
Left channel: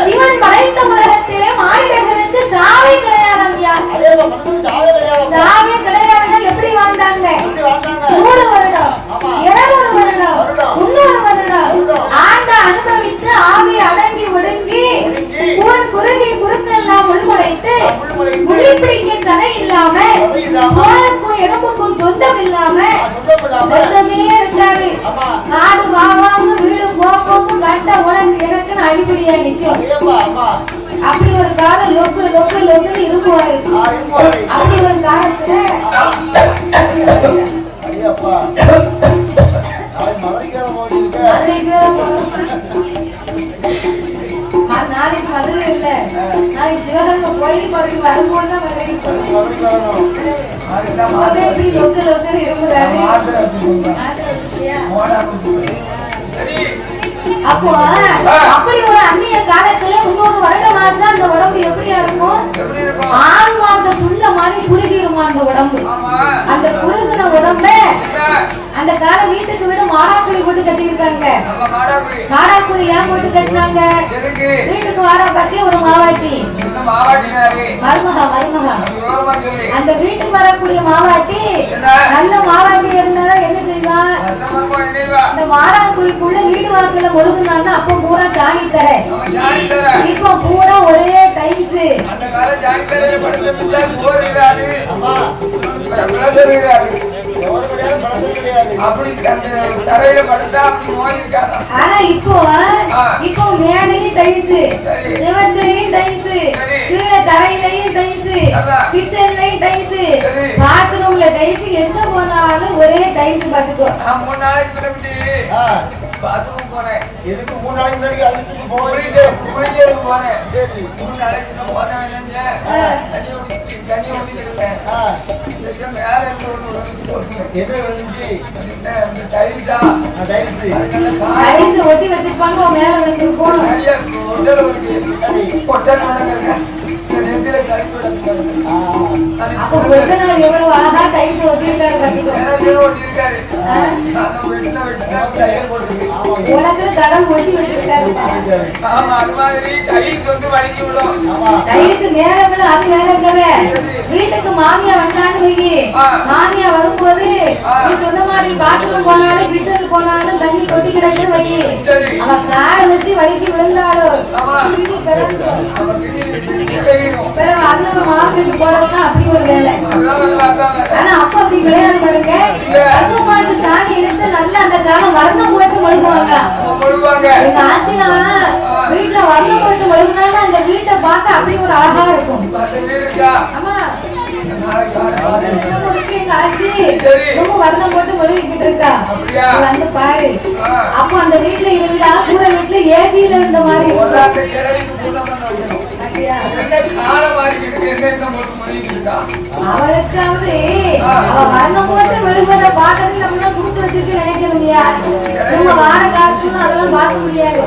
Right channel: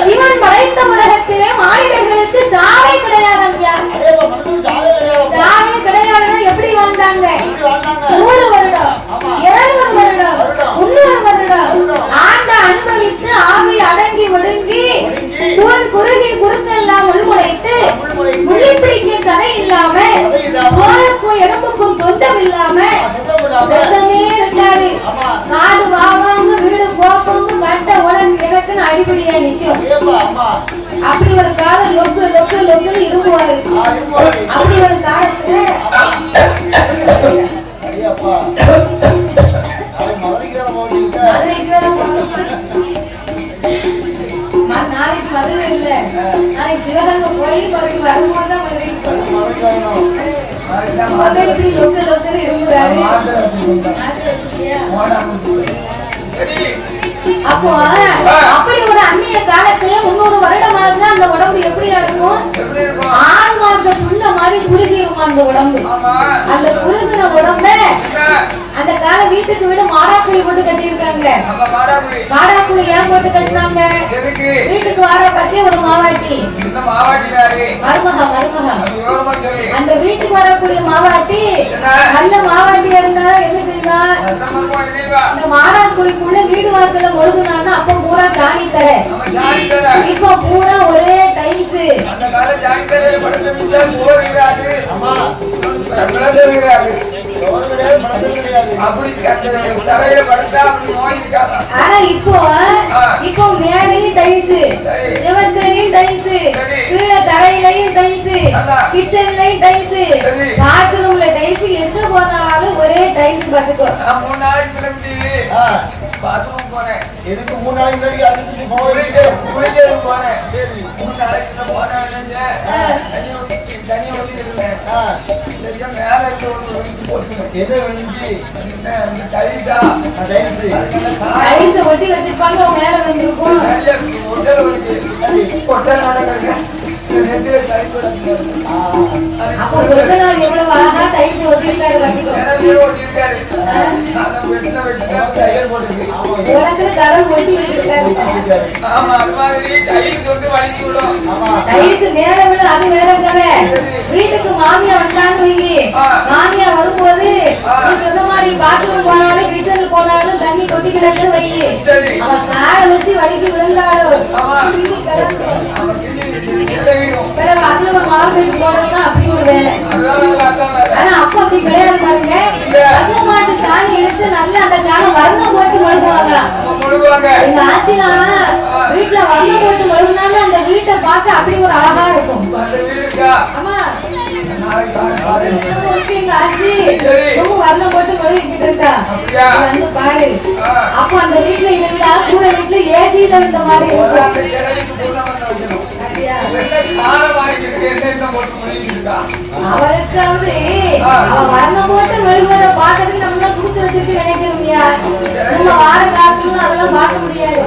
சிவன் படைத்த உலகத்திலே மானிடர்களுக்கு சாவே கிடையாது. ஐயா சாவே கிடையாதுன்னா எப்படி வாழ்ந்தாங்க? 100 வருடம் 200 வருடம் 300 வருடம் ஆண்ட அனுபவித்து ஆவி அடங்கி ஒடுங்கி தூள் குறுகி குறுக்கெல்லாம் உள்முளைத்து உள்ளி பிடிக்க சடை இல்லாம தோலுக்கும் எலும்புக்கும் தொண்டம் இல்லாம ரத்தமே இருக்காது. காடு வாவாங்க வீடு போப்போங்க கட்ட உனக்கு எனக்குன்னு அடிப்படியா நிற்கும். அப்படி ஒரு காலம் லொக்கு லொக்கு லொக்குன்னு இரும்புவாரு. அப்படி ஒரு காலத்துல நாளைக்கு மதுரை இல்ல நாளைக்கு சிவகங்கை போய் மறுபடியும் வரும்போதுதான் மதுரை இப்படி லொக்கு லொக்குன்னு இரும்புறாரு. அப்போ அப்படி ஒரு அந்நிய காலத்துல 300 வருடம் ஆச்சு அந்த உடம்பு எப்படியா இருக்கும்? ஆண் மாத புள்ள மாதிரி குறுகிருமா அந்த உடம்பு. அந்த குறுகின உடம்ப அந்த கால வீட்டுக்கு வீடு மாடாக்குழி போட்டு கட்டி இருக்காங்க. மாடாக்குழி ஏன் போட்டு கட்டினாங்க? வீட்டுக்கு வர பத்தி ஒரு மாவாட்டி மருமகா மருமகா அந்த வீட்டுக்கு வரக்கூடிய மாவாட்டி நல்ல மாவாட்டி இருந்தா என்ன செய்வா? இந்த மாடாக்குழிக்குள்ள வீடு வாசல முழுகுனான்னா அப்ப பூரா சாணி தர இப்ப பூரா ஒரே டைல்ஸ். ஆனா இப்போ மேலையும் டைல்ஸ் சிவத்திலையும் டைல்ஸ் கீழே தரையிலையும் டைல்ஸ் கிச்சன்லயும் டைல்ஸ் பாத்ரூம்ல டைல்ஸ் எங்க போனாலும் ஒரே டைல்ஸ். டைல்ஸ் பாத்துக்கோ. நான் 3 நாளைக்கு கிளம்பி பாத்ரூம் போனேன். எதுக்கு 3 நாளைக்கு முன்னாடி அழுத்துட்டு குளிக்க போனேன். சரி 3 நாளைக்கு நான் போனேன். தண்ணி ஊத்திருந்தேன். மேல இருந்து ஒண்ணு போட்டுங்க. எது விழுந்துச்சு? டைல்ஸா? டைல்ஸ் ஒட்டி வச்சிருப்பாங்க மேல வந்துருக்கும். சரியா ஒட்டல ஒட்டி. ஒட்டனோட இருக்க. ரெண்டே டைல்ஸ் போடுறாங்க. அப்ப ஒட்டனார் எவ்வளவு அழகா டைல்ஸ் ஒட்டி இருக்காரு பாத்துக்கோ. மேல ஒட்டி இருக்காரு. நான் வெட்டினா டைல் போட்டுருக்கு. உனக்கு கடல் ஒட்டி வச்சிருக்காரு. ஆமா அது மாதிரி டைல்ஸ் வந்து வலிக்கி விடும். ஆமா டைல்ஸ் மேல விட அது வேறங்கற. வீட்டுக்கு மாமியா வந்தான்னு வைங்க. மாமியா வரும்போது நீ சொன்ன மாதிரி பாத்ரூம் போனாலும் கிச்சன் போனாலும் தண்ணி கொட்டி கிடக்குது வைங்க. சரி அவ காலை வச்சு வலிக்கி விழுந்தாலும் ஆமா கிளி கிடக்கு. ஆமா கிளி பிறகு அதுல ஒரு மாவு போடுறதுனா அப்படி ஒரு வேலை. ஆனா அப்ப அப்படி கிடையாது பாருங்க. பசு மாட்டு சாணி எடுத்து நல்லா அந்த காலம் வர்ணம் போட்டு மொழுகுவாங்களாம். எங்க ஆச்சிலாம் வீட்டுல வர்ணம் போட்டு மொழுகுனாலும் அந்த வீட்டை பார்க்க அப்படி ஒரு அழகா இருக்கும். ஆமா எங்க ஆச்சி ரொம்ப வர்ணம் போட்டு மொழுகிட்டு இருக்கா. வந்து பாரு அப்போ அந்த வீட்டுல இருந்தா கூரை வீட்டுல ஏசியில இருந்த மாதிரி அவளுக்காவது அவ வர்ணம் போட்டு மெழுகுவதை பார்க்கறதுக்கு நம்ம எல்லாம் கொடுத்து வச்சிருக்கு நினைக்கிறோம்யா. நம்ம வார காலத்துல அதெல்லாம் பார்க்க முடியாது.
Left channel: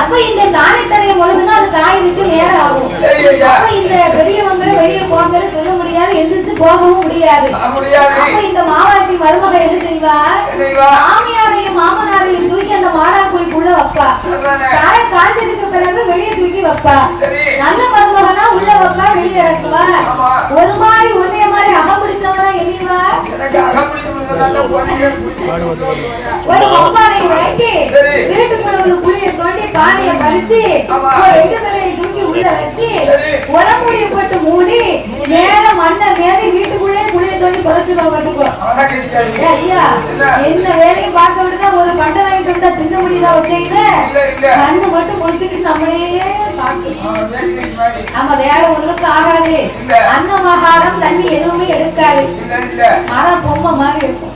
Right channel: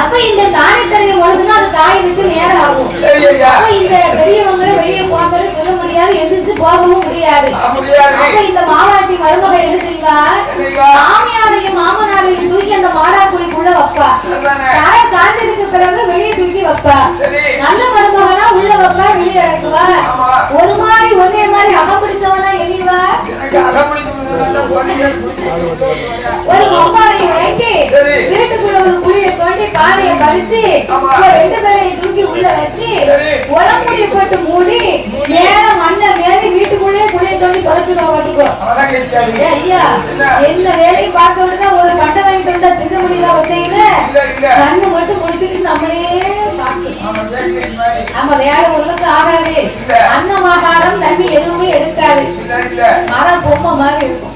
அப்ப இந்த சாணித்தரையை முழுதுனா அது காய்க்கு நேரம் ஆகும். அப்ப இந்த பெரியவங்களை வெளியே போங்க சொல்ல முடியாது, எந்திரிச்சு போகவும் முடியாது. அப்ப இந்த மாவாட்டி மருமக என்ன செய்வா? மாமியாரையும் மாமனாரையும் தூக்கி அந்த மாடாக்குழிக்குள்ள வைப்பா. காலை காய்ச்சதுக்கு பிறகு வெளியே தூக்கி வைப்பா. நல்ல மருமகனா உள்ள வைப்பா, வெளியே இறக்குவா. ஒரு மாதிரி ஒன்னே மாதிரி அகப்பிடிச்சவனா எரிவா. ஒரு பொம்மானை வைத்து வீட்டுக்குள்ள ஒரு குழியை தோண்டி பானையை பறிச்சு 2 பேரையும் தூக்கி உள்ள வச்சு உலமுடிய போட்டு மூடி மேல மண்ணை மேலே வீட்டுக்குள்ளே குழியை தோண்டி பறிச்சுக்கோ வச்சுக்கோ. ஐயா என்ன வேலையும் பார்க்க விட்டுதான் ஒரு பண்டை வாங்கிட்டு விட்டா திங்க முடியல. ஒத்தையில கண்ணு மட்டும் முடிச்சுட்டு நம்மளே நம்ம வேலை ஒண்ணுக்கு ஆகாது. அன்னமாகாரம் தண்ணி எதுவுமே எடுக்காது. மரம் பொம்மை மாதிரி இருக்கும்.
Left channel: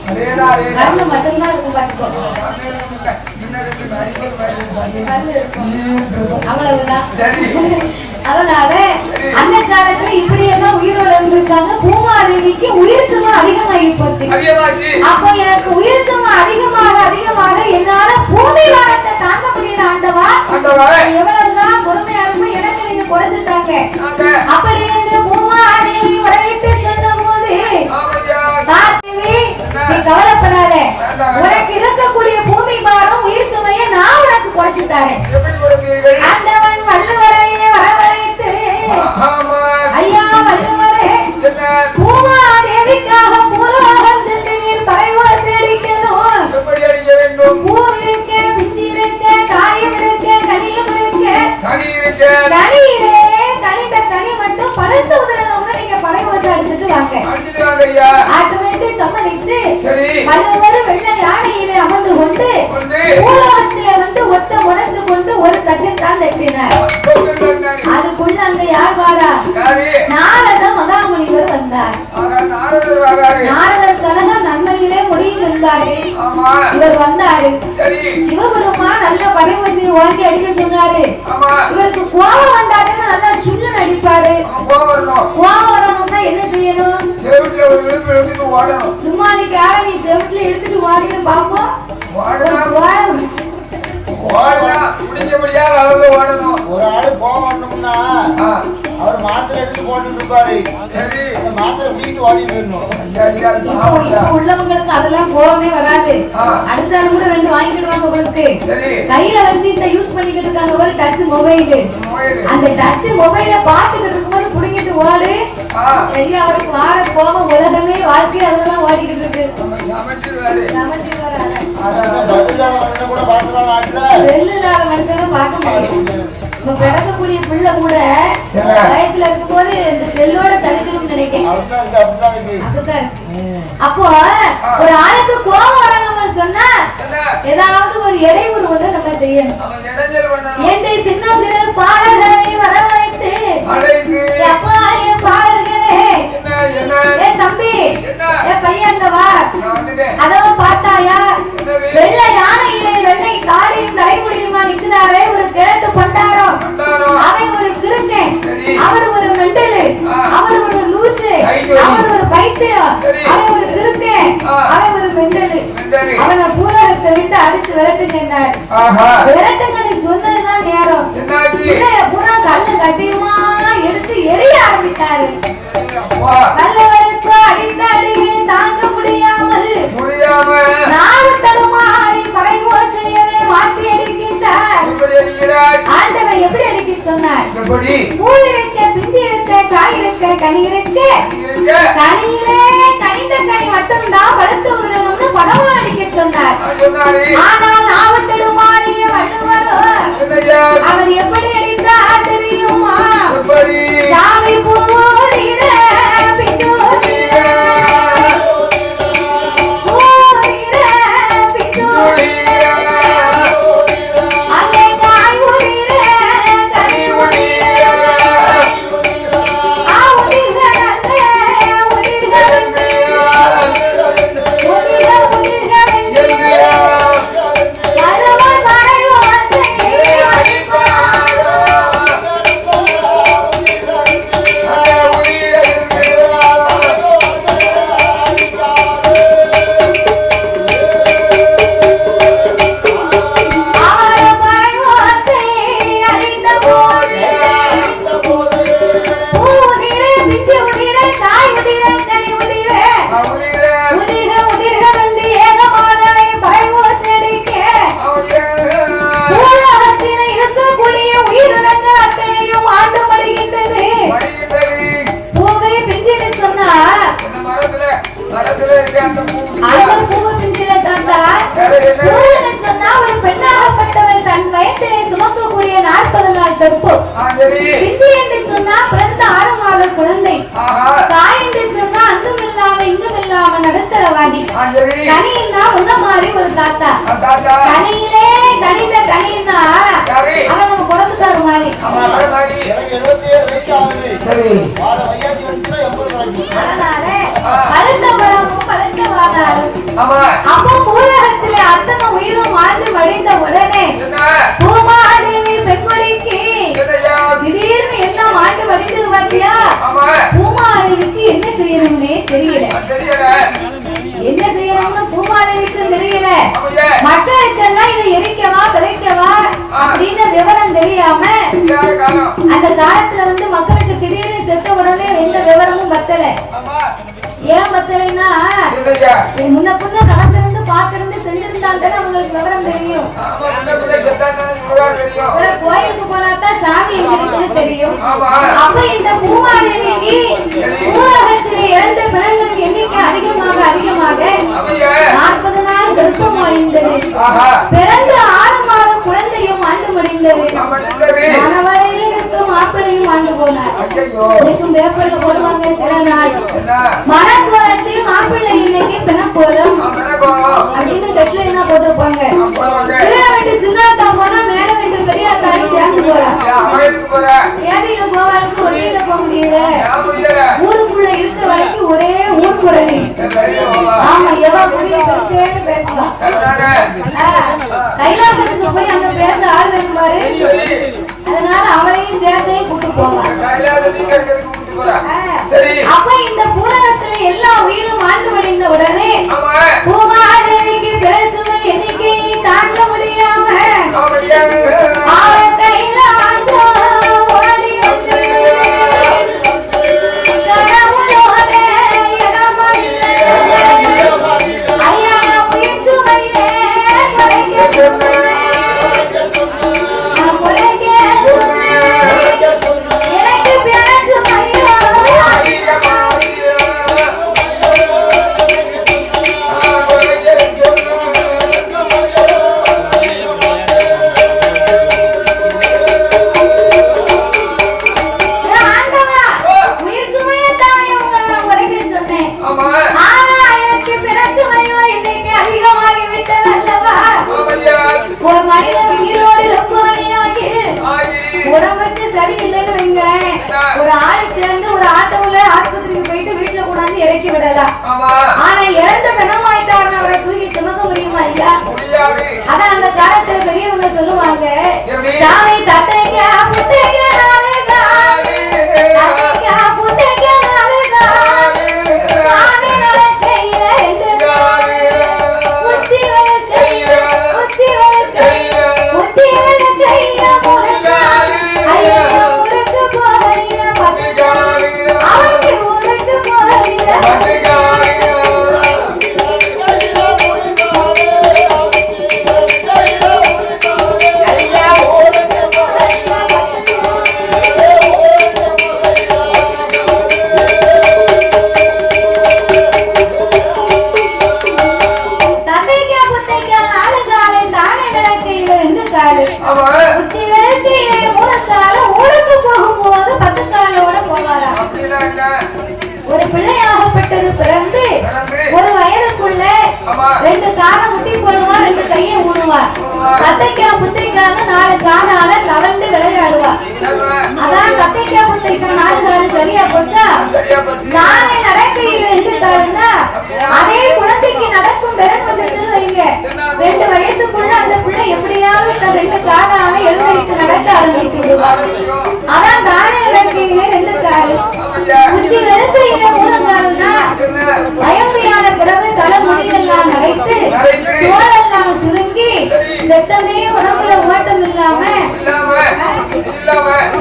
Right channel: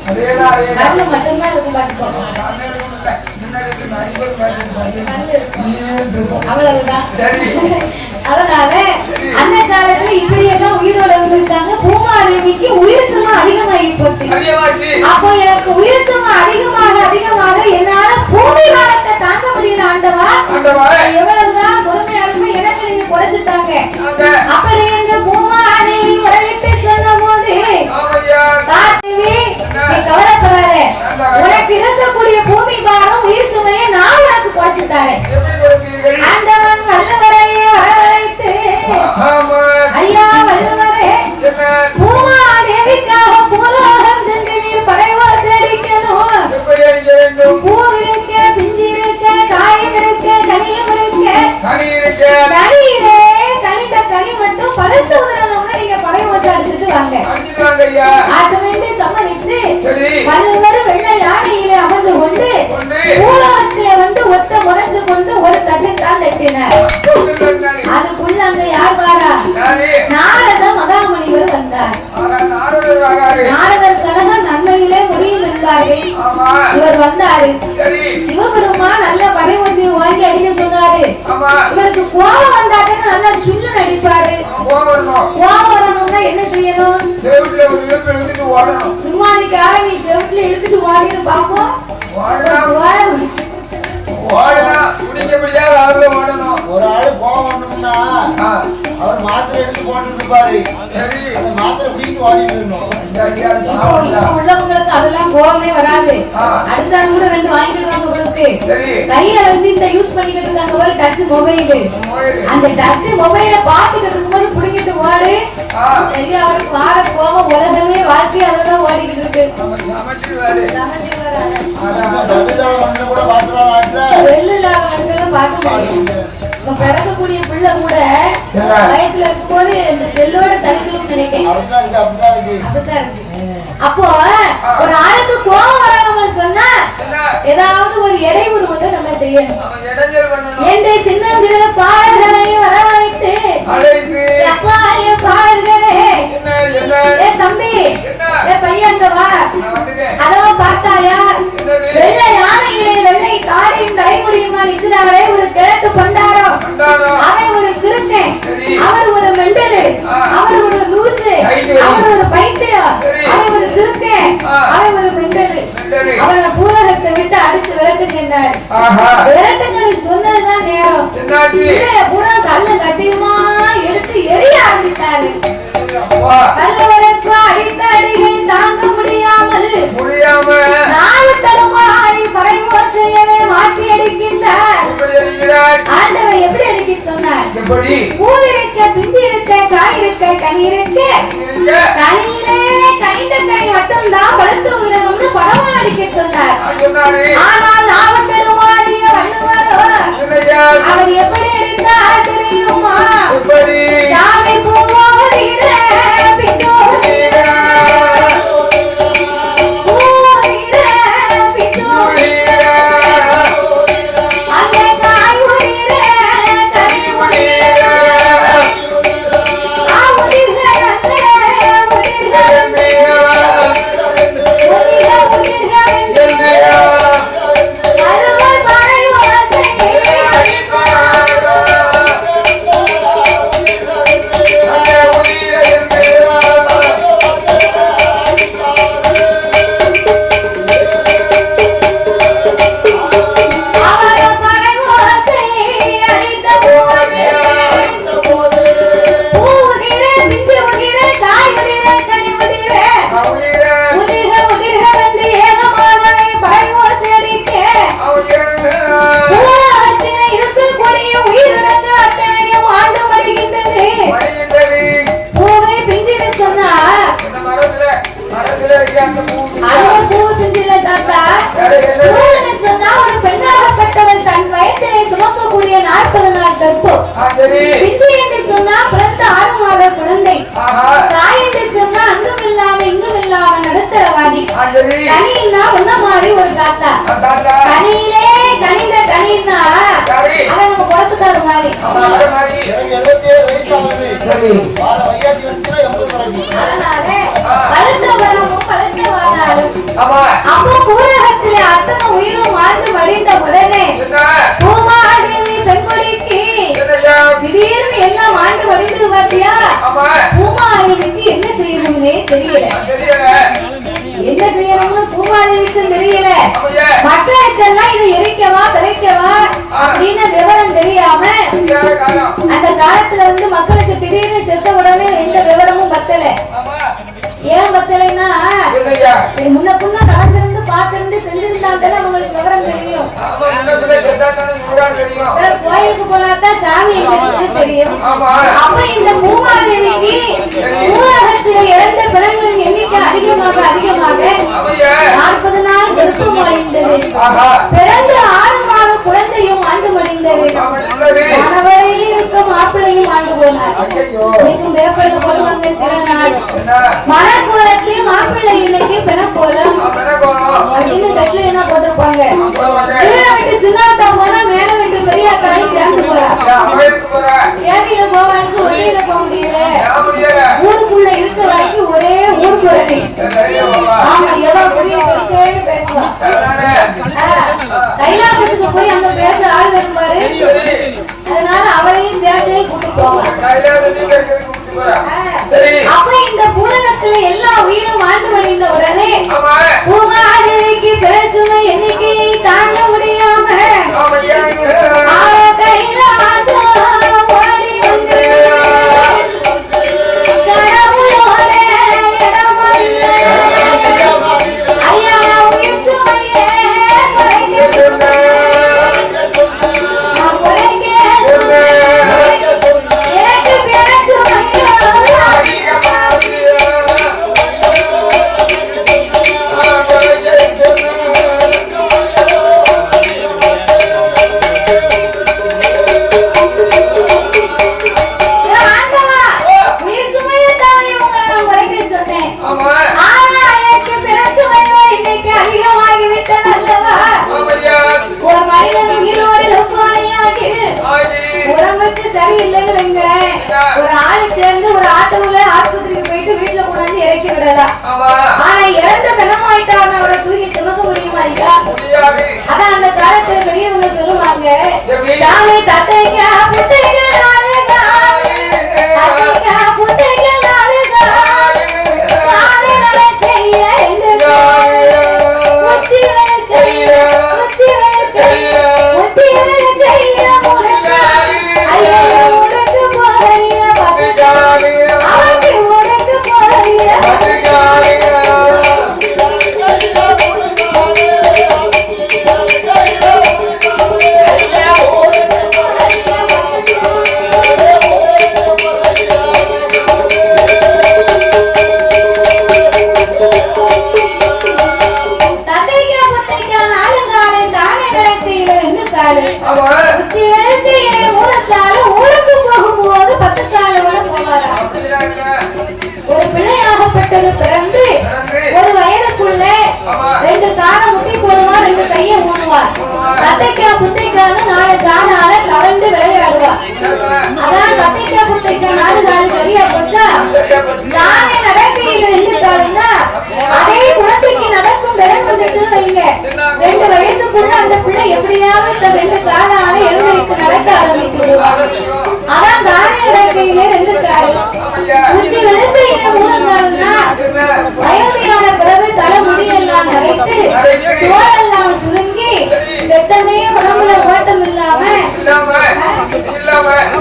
கண்ணு மட்டும்தான் இருக்கும் பாத்துக்கோ. அவ்வளவுதான். அதனால அந்த காலத்துல இப்படி எல்லாம் உயிரோட இருந்திருக்காங்க. பூமாதேவிக்கு உயிர் சும்மா அதிகமாகி போச்சு. அப்போ எனக்கு உயிர் சும்மா அதிகமாக என்னால பூமி வாரத்தை தாங்க முடியல. ஆண்டவா எவ்வளவுதான் பொறுமையாலுமே எனக்கு நீங்க குறைச்சிட்டாங்க. அப்படி என்று பூமாதேவி முறையிட்டு சொன்ன போது நீ கவலைப்படாத, உனக்கு இருக்கக்கூடிய பூமி பாரம் உயிர் சுமையை நான் உனக்கு குறைச்சு தரேன். ஆண்டவன் வல்லவரையே வரவழைத்து ஐயா வல்லவரே பூமாதேவிக்காக பூலோகம் சென்று நீர் பறைவாசி அடிக்கணும். பூ இருக்க, பிஞ்சு இருக்க, காயம் இருக்க, கனியம் இருக்க, கனியிலே கனிந்த கனி மட்டும் பழுத்து உதறணும்னு நீங்க பறைவாசி அடிச்சுட்டு வாங்க. ஆட்டு வேண்டி சம்மதித்து வல்லவர் வெள்ளை யானையிலே அமர்ந்து கொண்டு பூலோகத்தில வந்து ஒத்த முரசு கொண்டு ஒரு தட்டு தான் தட்டினார். அதுக்குள்ள அங்க யார் வாரா? நாரத மகாமுனிவர் வந்தார். நாரதர் கலக நன்மையிலே முடியும் என்பாரே இவர் வந்தாரு. சிவபெருமான் நல்ல பறைவசியை வாங்கி அடிக்க சொன்னாரு. இவருக்கு கோபம் வந்தாருன்னு நல்லா சுண்ணு நடிப்பாரு. கோபம் வரணும்னா என்ன செய்யணும்? சும்மா நீ செவத்துல இழுத்துட்டு ஓடினு பாப்போம். ஒரு ஆளு கோவம் வரணும்னா அவர் மாத்திரை எடுத்து போட்டு இருப்பாரு. அந்த மாத்திரை குடிக்கிட்டு ஓடி போயிடணும். உள்ளவங்களுக்கு அதெல்லாம் கோவமே வராது. அடுத்தாலும் கூட 2 வாங்கிடுவாங்க. உங்களுக்கு கையில வச்சு இந்த யூஸ் பண்ணிக்கிட்டு இருக்காங்க ஒரு டச் மொபைல். அந்த டச் மொபைல பாத்துக்கிட்டு இருக்கும்போது புடிங்கிட்டு ஓடு. அவருக்கு வாழ கோவம் உலகமே வாழ்க்கை அதெல்லாம் ஓடிக்கிட்டு இருக்கு. செல்லுல மனுஷனை பார்க்க முடியும். நம்ம பிறக்கக்கூடிய பிள்ளை கூட வயத்துல இருக்கும் போது இந்த செல்லோட தனிச்சிடும் நினைக்கிறேன். அப்படிதான் இருக்கு. அப்போ ஒரு ஆளுக்கு கோபம் வரணும்னு சொன்னா ஏதாவது ஒரு இடையூறு வந்து நம்ம செய்யணும். என்னை சின்னந்திர பாடல்களை வரவழைத்து அப்பாய பாடல்களே விரட்டுங்களை சொன்னதுதான் நேரம். பூரா கல்லு கட்டியுமா எடுத்து எரிய ஆரம்பித்தாரு. கல்லவருக்கு அடித்த அடிகள் தாங்க முடியாமல் நாவு தடுமாறி பறை ஓசையவே மாற்றி அடிக்கின்றார். ஆண்டவன் எப்படி அடிக்க சொன்னார்? பூ இருக்க, பிஞ்சு இருக்க, காய் இருக்க, கனி இருக்க, கனியிலே கனிந்த கனி மட்டும்தான் பழுத்து விடணும்னு படமா அடிக்க சொன்னார். ஆனால் நாவு தடுமாறிய வள்ளுவரோ அவர் எப்படி அடித்தார் தெரியுமா? சாமி பூவோரிர பெண்ணாகப்பட்டவர் தன் வயத்திலே சுமக்கக்கூடிய 40 நாள் கற்பு. பிஞ்சு என்று சொன்னா பிறந்த 6 மாத குழந்தை. தாய் என்று சொன்னா அங்குமில்லாம இங்குமில்லாம நடுத்தரவாதி. கனின்னா உன்ன மாதிரி ஒரு தாத்தா. கனியிலே கனிந்த கனின்னா அவன் நம்ம குளத்துக்கார மாதிரி. அதனால பழுத்த பழமும் பழுத்த வானாலும் அப்போ பூலகத்திலே அத்தனை உயிரும் வாழ்ந்து மடிந்த உடனே பூமாதேவி பெண்கொடிக்கு திடீர்னு எல்லாம் ஆண்டு மடிந்து பார்த்தியா? பூமாதேவிக்கு என்ன செய்யணும்னே தெரியல. என்ன செய்யணும்னு பூமாதேவிக்கு தெரியல. மக்களுக்கெல்லாம் இதை எரிக்கவா விதைக்கவா அப்படின்னு விவரம் தெரியாம அந்த காலத்துல மக்களுக்கு திடீர்னு செத்த உடனே எந்த விவரமும் பத்தல. ஏன் பத்தலைன்னா முன்ன புண்ண கடந்திருந்து பார்த்திருந்து செஞ்சிருந்தாங்க உங்களுக்கு விவரம் தெரியும். கோயிலுக்கு போனாதான் சாமி எங்க இருக்குன்னு தெரியும். அப்ப இந்த பூமாதேவிக்கு ஊரகத்தில் இறந்த பிறகுகளின் எண்ணிக்கை அதிகமாக அதிகமாக 40 நாள் கர்ப்பம் அடைந்தது. பிறந்து 6 மாத குழந்தையும் ஆண்டு மடிந்தது. மணவளையில் இருக்கும் மாப்பிள்ளையும் ஆண்டு போனார். இன்னைக்கும் பேப்பர்ல போடுவாங்க சில நாள் மணக்கோலத்தில் மாப்பிள்ளை இன்னைக்கு பிணக்கோலம் அப்படின்னு கட்டில என்ன போட்டிருப்பாங்க. கீழே விட்டு சின்னாத்தா போனா மேல விட்டு பெரியாத்தாலும் சேர்ந்து போறா. ஏதியில போவாளுக்கு ஒரேல போக முடியல. ஊருக்குள்ள இருக்க வரைக்கும் ஒரே ஊர்க்குரணி. ஆமா எவ்வளவு புரிய படிக்கேன்னு பேசுவா. கைலாசத்துக்கு போய் அங்க பேச ஆள் வேணும் பாரு. அதனால அவளையும் சேர்த்தே கூட்டு போவான். அப்ப இந்த பூரகத்துல எல்லா உயிரும் வாழ்ந்து மடிந்த உடனே பூமாதேவிக்கு பிறச்சுமை எண்ணிக்கையை தாங்க முடியாம இறக்கி விடலாம். ஆனா இறந்த பிணமாயிட்டாருன்னு அவரை தூக்கி சுமக்க முடியுமா ஐயா? அதான் அந்த காலத்துல பெரியவங்க சொல்லுவாங்க, சாமி தத்தைக்கா புத்தைக்கா நாளுதா, தத்தைக்கா புத்தைக்கா நாளுதா, சாமி நலை கையில உச்சி வலை கையில, உச்சி வலை கையில அடுத்தது பிறந்து ஒரு வயதுக்குள்ள 2 காலை முட்டி போடுவார், 2 கையை ஊடுவார். தத்தைக்கா புத்தைக்காக 4 காலால தவழ்ந்து விளையாடுவார். அதான் தத்தைக்கா புத்தைக்கா 4 கால் சரியா போச்சா? நானே நடக்கையில் 2 காலுன்னா அதே குழந்தைக்கு நடக்கும் திறன் வந்துச்சுன்னு வைங்க. 2 வயசுக்குள்ள அந்த பிள்ளை எப்படியாவது 2 காலால எழுந்திருத்து நடக்க ஆரம்பித்துடுவார். அதான் தானே நடக்கையில 2 கால், உச்சி வெறுக்கையில 3 கால்னா வயோதியான பிறகு தலை முடியெல்லாம் நரைத்து தோலெல்லாம் சுருங்கி ரத்தமே உடம்புல ஓட்டம் இல்லாம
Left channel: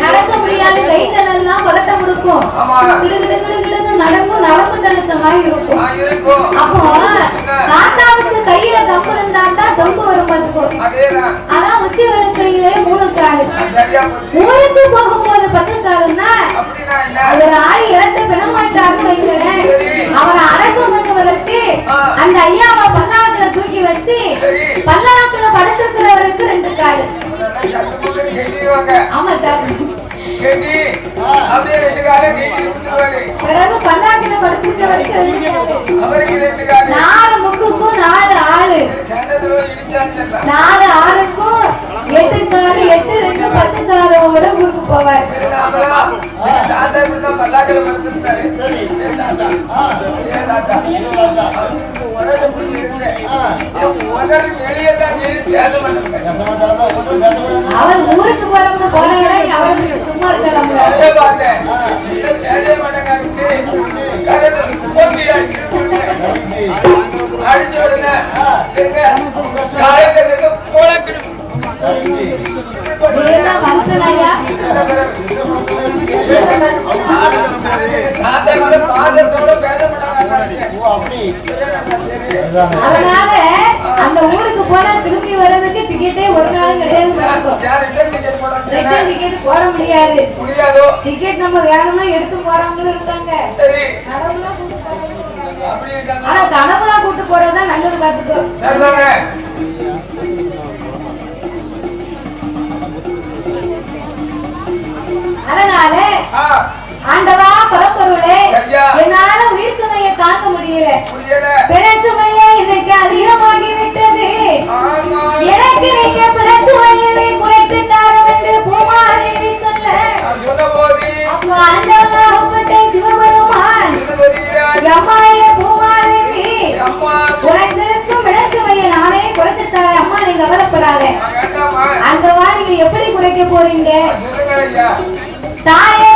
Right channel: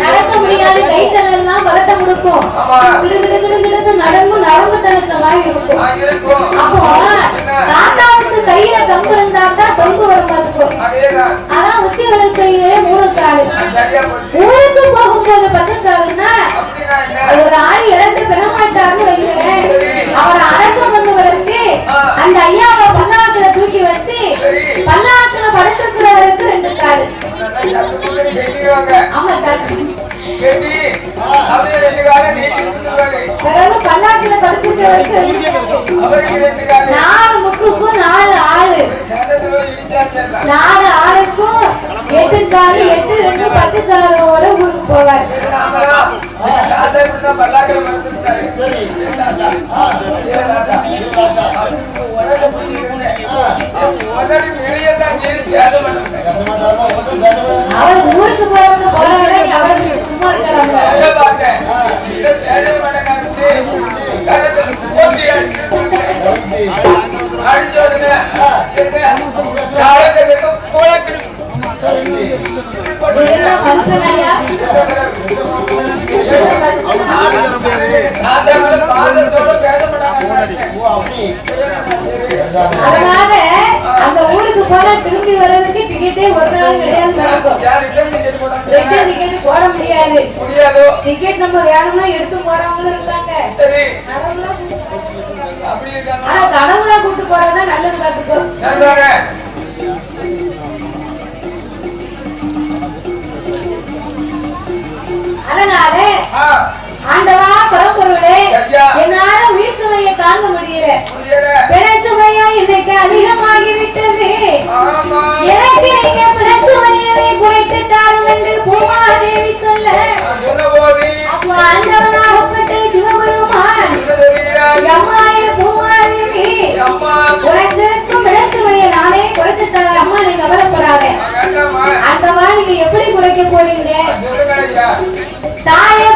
நடக்க முடியாது, கைகள் எல்லாம் பலத்தை கொடுக்கும், நடம்பு தனிச்சமாய் இருக்கும். அப்போ தாத்தாவுக்கு கையில கம்பு இருந்தா தான் தொம்பு வரும் பார்த்துக்கும். அதான் உச்சி வெறுக்கையில 3 கால். ஊருக்கு போகும்போது 10 காலுன்னா அவர் ஆள் இறந்து பிணமாட்டாருன்னு வைங்களேன். அவரை அடக்கம் பண்ணுவதற்கு அந்த ஐயாவை பல்லாக்குல தூக்கி வச்சு பல்லாக்குல படுத்திருக்கிறவருக்கு 2 கால். ஆமா சாட்சி. பிறகு பல்லாக்குல படுத்திருக்கிறவருக்கு 2 கால். 4 முக்குக்கும் 4 ஆளு, 4 ஆளுக்கும் 8 கால், 8 2 10 காலோட ஊருக்கு போவார். அவர் ஊருக்கு போறவங்க போறாரா, நீ அவரை சும்மா இருக்கலாம்ல. இதெல்லாம் மனுஷனாயா? அதனால அந்த ஊருக்கு போனா திரும்பி வர்றதுக்கு டிக்கெட்டே ஒரு நாள் கிடையாது. ரிட்டர்ன் டிக்கெட் போட முடியாது. டிக்கெட் நம்ம வேணும்னா எடுத்து போறவங்களும் இருக்காங்க. ஆனா கனவுலா கூட்டு போறதுதான் நல்லது. பாத்துக்கோ. அதனால ஆண்டவா பரம்பொருளே, என்னால உயிர் சுமையை தாங்க முடியல. பிண சுமையா இன்னைக்கு அதிகமாகிவிட்டது. எனக்கு நீங்க பிண சுமையை குறைத்து தாரும் என்று பூமாதேவி சொல்ல, அப்போ ஆண்டவனாகப்பட்ட சிவபெருமான் அம்மாய பூமாதேவி, உனக்கு இருக்கும் பிண சுமையை நானே குறைத்து தரேன். அம்மா நீங்க கவலைப்படாத. ஆண்டவா நீங்க எப்படி குறைக்க போறீங்க? தாயே